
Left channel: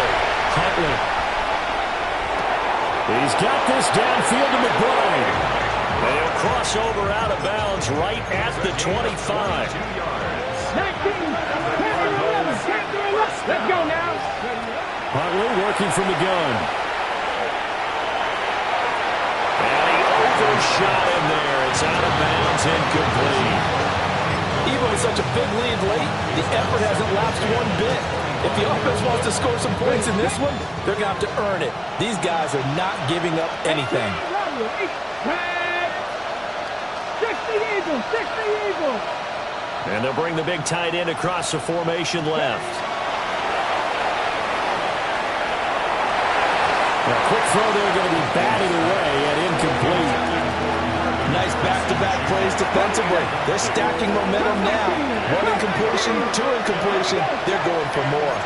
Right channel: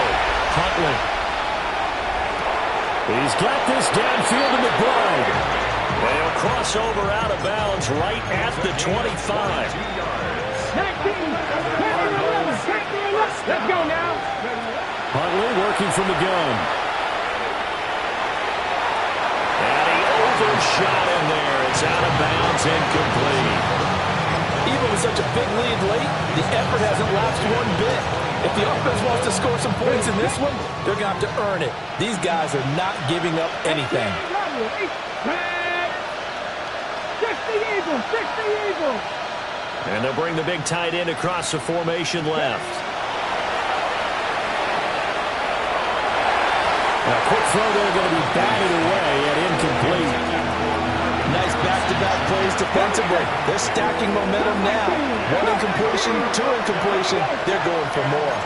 Huntley. He's got this downfield to McBride. They'll cross over out of bounds right at the 25. 19, 11, let's go now. Huntley working from the gun. And he overshot him there. It's out of bounds, incomplete. Even with such a big lead late, the effort hasn't lapsed one bit. If the offense wants to score some points in this one, they're going to have to earn it. These guys are not giving up anything. 60 Eagles. And they'll bring the big tight end across the formation left. Now, quick throw there going to be batted away and incomplete. Nice back-to-back plays defensively. They're stacking momentum now. One incompletion, two incompletion. They're going for more.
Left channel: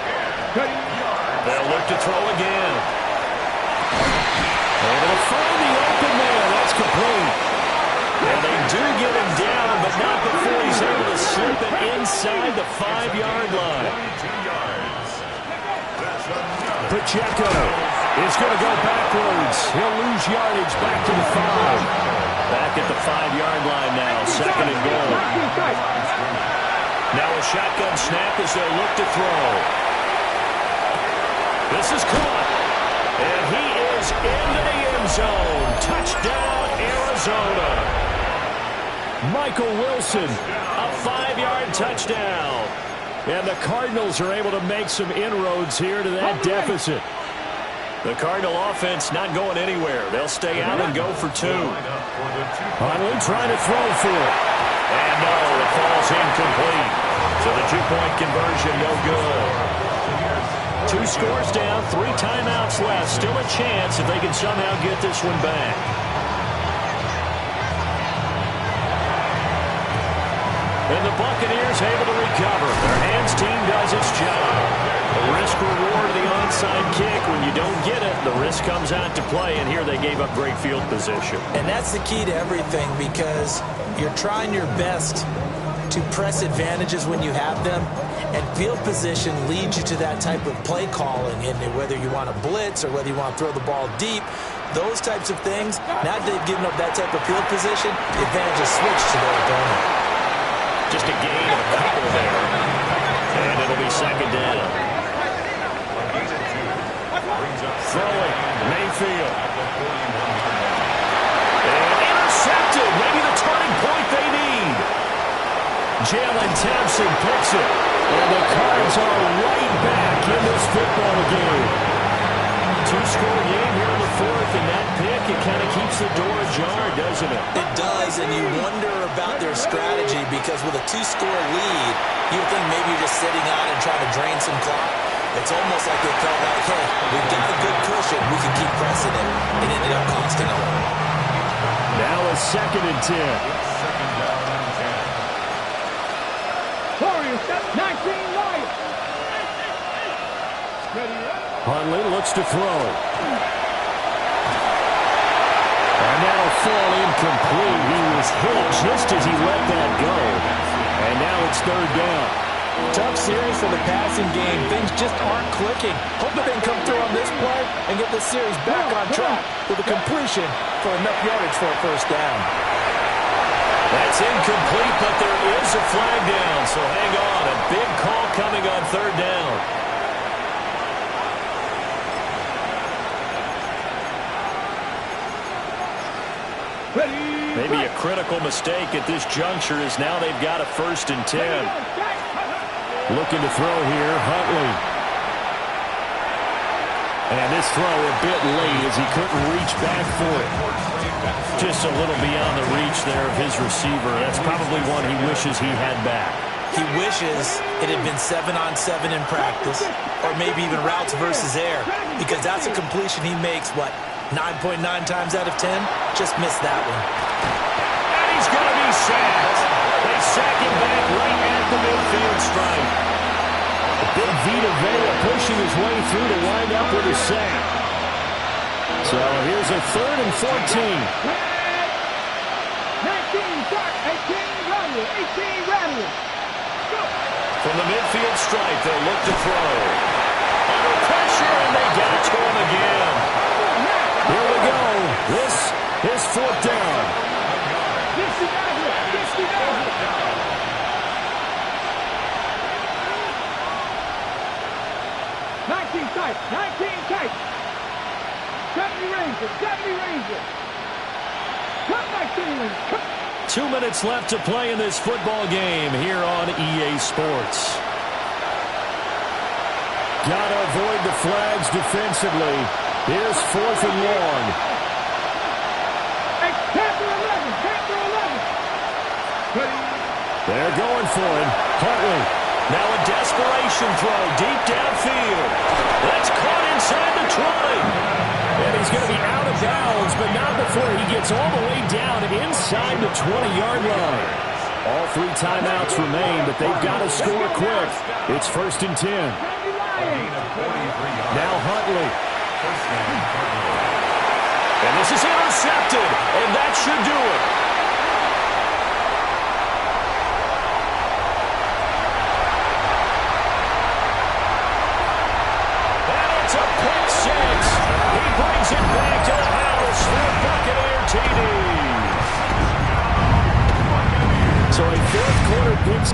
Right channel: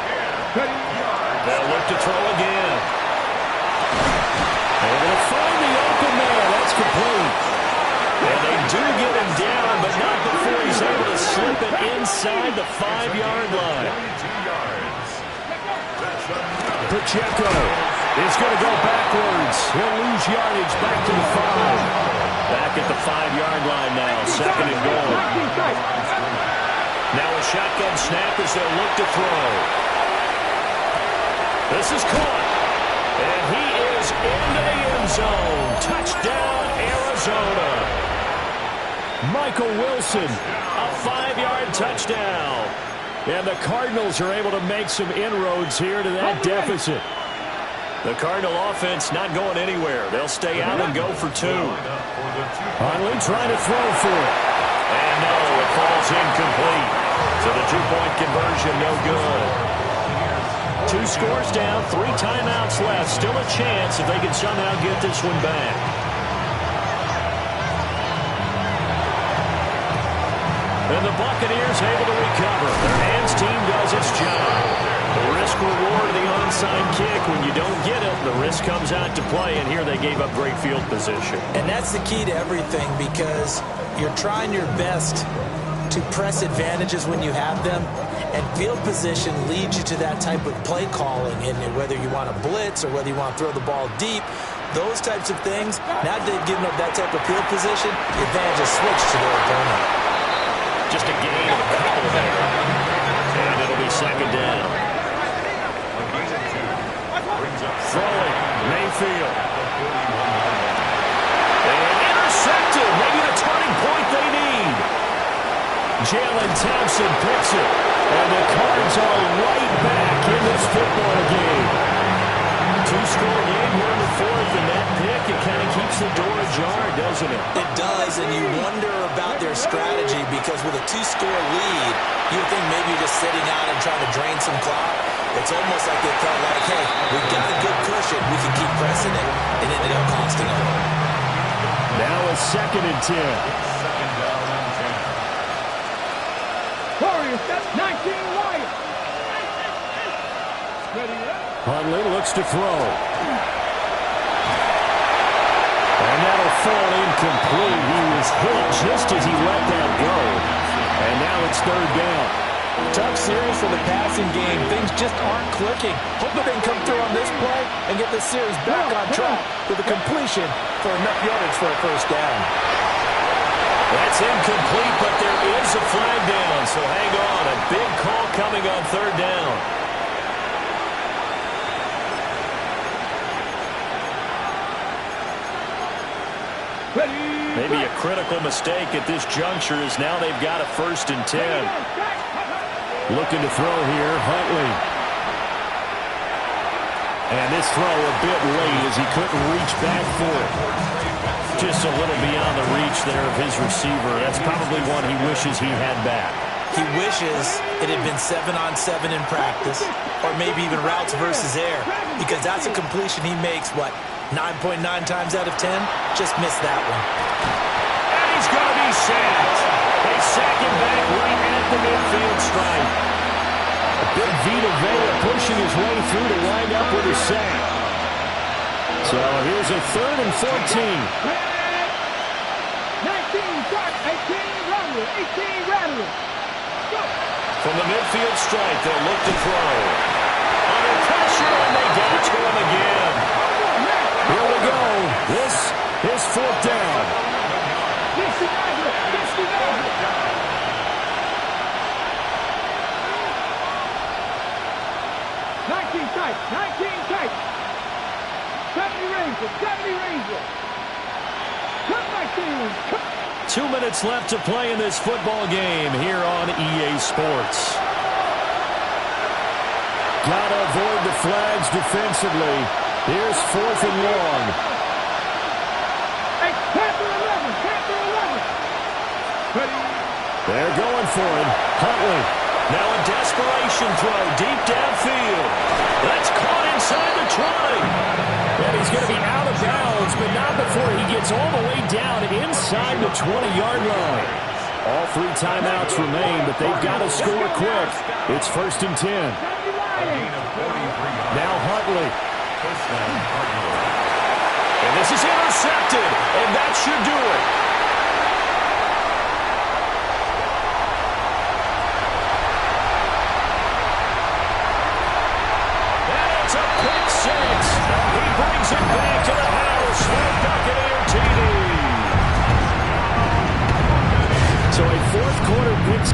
They'll look to throw again. Able to find the open man. That's complete. And they do get him down, but not before he's able to slip it inside the 5-yard line. Pacheco is going to go backwards. He'll lose yardage back to the 5. Back at the 5-yard line now, second and goal. Now a shotgun snap as they'll look to throw. This is caught. And he is into the end zone. Touchdown, Arizona. Michael Wilson, a 5-yard touchdown. And the Cardinals are able to make some inroads here to that deficit. The Cardinal offense not going anywhere. They'll stay out and go for 2. Huntley trying to throw for it. And no, it falls incomplete. So the 2-point conversion no good. 2 scores down, 3 timeouts left. Still a chance if they can somehow get this one back. And the Buccaneers able to recover. Their hands team does its job. The risk-reward of the onside kick. When you don't get it, the risk comes out to play, and here they gave up great field position. And that's the key to everything, because you're trying your best to press advantages when you have them, and field position leads you to that type of play calling, and whether you want to blitz or whether you want to throw the ball deep, those types of things, now that they've given up that type of field position, the advantage is switched to their opponent. Just a gain of a couple there. And it'll be second down. Throwing, Mayfield. And intercepted. Maybe the turning point they need. Jalen Thompson picks it. And the Cards are right back in this football game. 2-score game here in the fourth, and that pick, it kind of keeps the door ajar, doesn't it? It does, and you wonder about their strategy, because with a 2-score lead, you would think maybe you're just sitting out and trying to drain some clock. It's almost like they felt like, hey, we've got a good cushion. We can keep pressing it. It ended up costing them. Now a 2nd and 10. Second down and 10. Warriors, that's 19 Lions. Ready up. Huntley looks to throw. And that'll fall incomplete. He was hit just as he let that go. And now it's 3rd down. Tough series for the passing game. Things just aren't clicking. Hope that they can come through on this play and get this series back on track with a completion for enough yardage for a first down. That's incomplete, but there is a flag down. So hang on. A big call coming on 3rd down. Maybe a critical mistake at this juncture, as now they've got a 1st and 10. Looking to throw here, Huntley. And this throw a bit late as he couldn't reach back for it. Just a little beyond the reach there of his receiver. That's probably one he wishes he had back. He wishes it had been 7-on-7 in practice, or maybe even routes versus air, because that's a completion he makes, 9.9 times out of 10? Just missed that one. And he's going to be sacked. They sack him back right at the midfield stripe. Big Vita Vea pushing his way through to wind up with a sack. So here's a 3rd and 14. 19, start, 18, run it, 18, run it. Go. From the midfield stripe, they'll look to throw. Under pressure, and they get it to him again. Here we go. This is 4th down. 19 tight, 19 tight. 70 Ranger, 70 Ranger. Come back to you. 2 minutes left to play in this football game here on EA Sports. Gotta avoid the flags defensively. Here's 4th and long. Hey, Panther 11, Panther 11. Ready? They're going for him. Huntley. Now a desperation throw deep downfield. That's caught inside the 20. And he's going to be out of bounds, but not before he gets all the way down inside the 20-yard line. All 3 timeouts remain, but they've got to score quick. It's 1st and 10. Now Huntley. And this is intercepted, and that should do it. It's a pick 6. He brings it back to the house for Buccaneer TD. So a 4th quarter pick